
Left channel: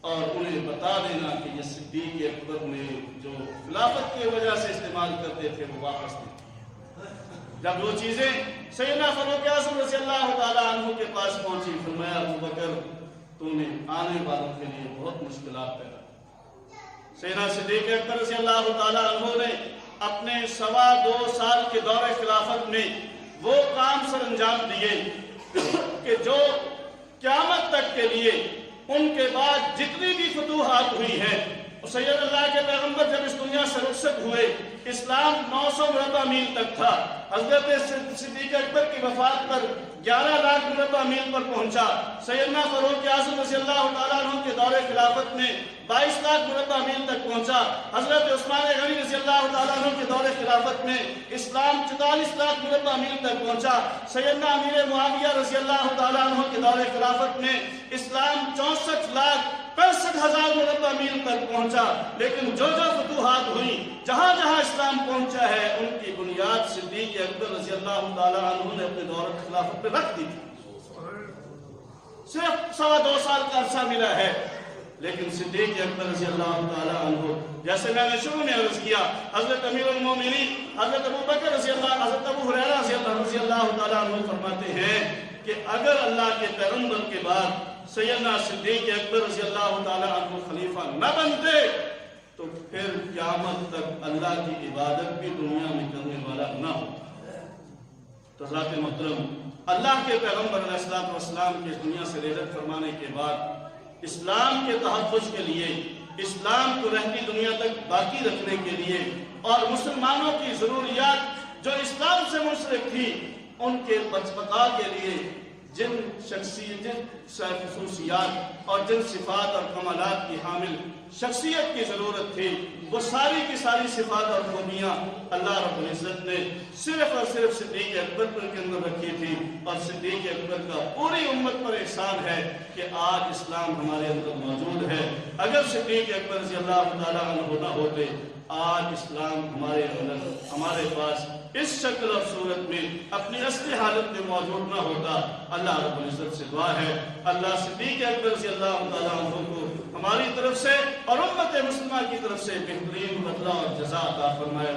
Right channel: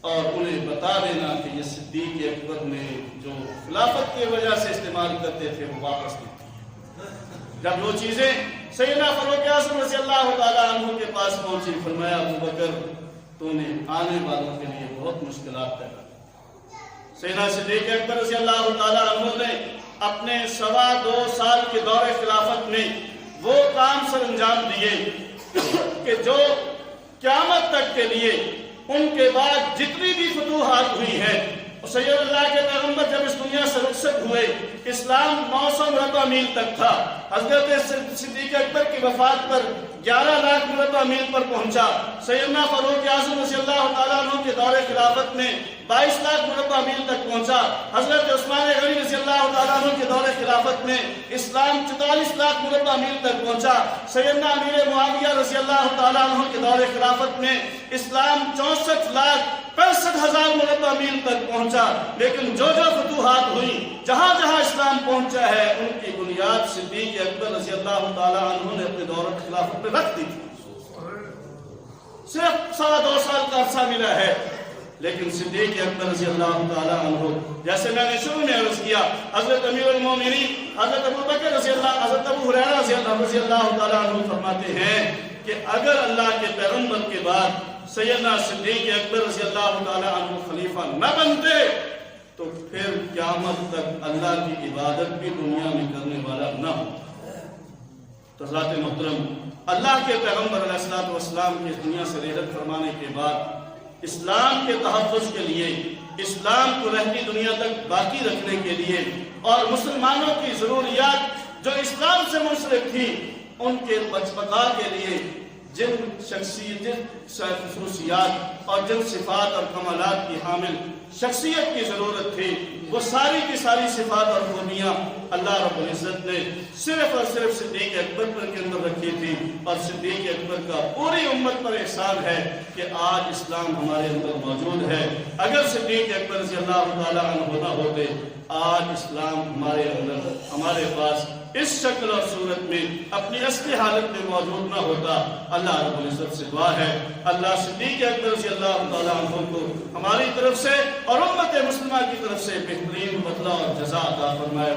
اور انہیں بتا دینا کہ یہ صدیق اکبر نے جو خلافت کی وجہ سے استعمال کرتے تھے وہ واپس نہیں۔ جب وہ چیزیں سیدنا فاروق اعظم رضی اللہ تعالیٰ عنہ کے پاس پہنچی، فرمایا ابو بکر تو نے آنے والوں کے لیے بہت مشکلات پیدا کی۔ سیدنا صدیق اکبر رضی اللہ تعالیٰ عنہ نے اپنے 2.25 سال کے دور خلافت میں وہ کام سر انجام دیے کہ جو قیامت تک کے لیے ان کے بعد جتنی بھی فتوحات ہوئی ہیں، سید اللہ کے پیغمبر جب اس دنیا سے رخصت ہوئے اسلام 900 مربع میل تک تھا، حضرت صدیق اکبر کی وفات پر 11 لاکھ مربع میل پر پہنچا، سیدنا فاروق اعظم رضی اللہ تعالیٰ عنہ کے دور خلافت میں 22 لاکھ مربع میل تک پہنچا، حضرت عثمان غنی رضی اللہ تعالیٰ عنہ کے دور خلافت میں اسلام 44 لاکھ مربع میل تک پہنچا، سیدنا امیر معاویہ رضی اللہ تعالیٰ عنہ کے دور خلافت میں اسلام 64,65,000 مربع میل تک پہنچا۔ لیکن جو جو فتوحات ہوئی، جہاں جہاں اسلام پہنچا ہے، ان کی بنیاد صدیق اکبر رضی اللہ تعالیٰ عنہ نے اپنے دور خلافت پہ رکھ دی تھی۔ صرف 2.25 سال کا عرصہ ملا ہے، لیکن صدیق اکبر رضی اللہ تعالیٰ عنہ، جیسے میں نے شروع میں عرض کیا، حضرت امیر المومنین حضرت ابو بکر رضی اللہ، حضرت ابو ہریرہ رضی اللہ تعالیٰ عنہ فرماتے ہیں کہ اگر اللہ کے پیغمبر کے بعد سیدنا صدیق اکبر رضی اللہ تعالیٰ عنہ خلیفہ نہ بنتے تو پھر قیامت تک اللہ کی عبادت بھی دنیا میں کرنے والا نہ ہو۔ حضرات محترم، اللہ کے پیغمبر علیہ السلام کی اس دنیا سے رحلت فرمانے کے بعد اسلام کے تحفظ کے لیے، اسلام کو رہتی دنیا تک باقی رکھنے کے لیے اور مسلمانوں کی ضروریات جو اسلام سے منسلک تھی ان کے بقا کے لیے جن خصوصیات اور جن صفات اور کمالات کی حامل شخصیت کی ضرورت تھی، وہ ساری کی ساری صفات اور خوبیاں اللہ رب العزت نے صرف اور صرف صدیق اکبر پر کے اندر رکھی تھی، اور صدیق اکبر کا پوری امت پر احسان ہے کہ آج اسلام ہمارے اندر موجود ہے۔ اگر صدیق اکبر رضی اللہ تعالیٰ عنہ نہ ہوتے، آج اسلام ہمارے اندر، ہمارے پاس اس شکل اور صورت میں اپنی اصلی حالت میں موجود نہ ہوتا۔ اللہ رب العزت سے دعا ہے اللہ صدیق اکبر رضی اللہ تعالیٰ عنہ کو ہماری طرف سے اور امت مسلمہ کی طرف سے بہترین بدلہ اور جزا عطا فرمائے۔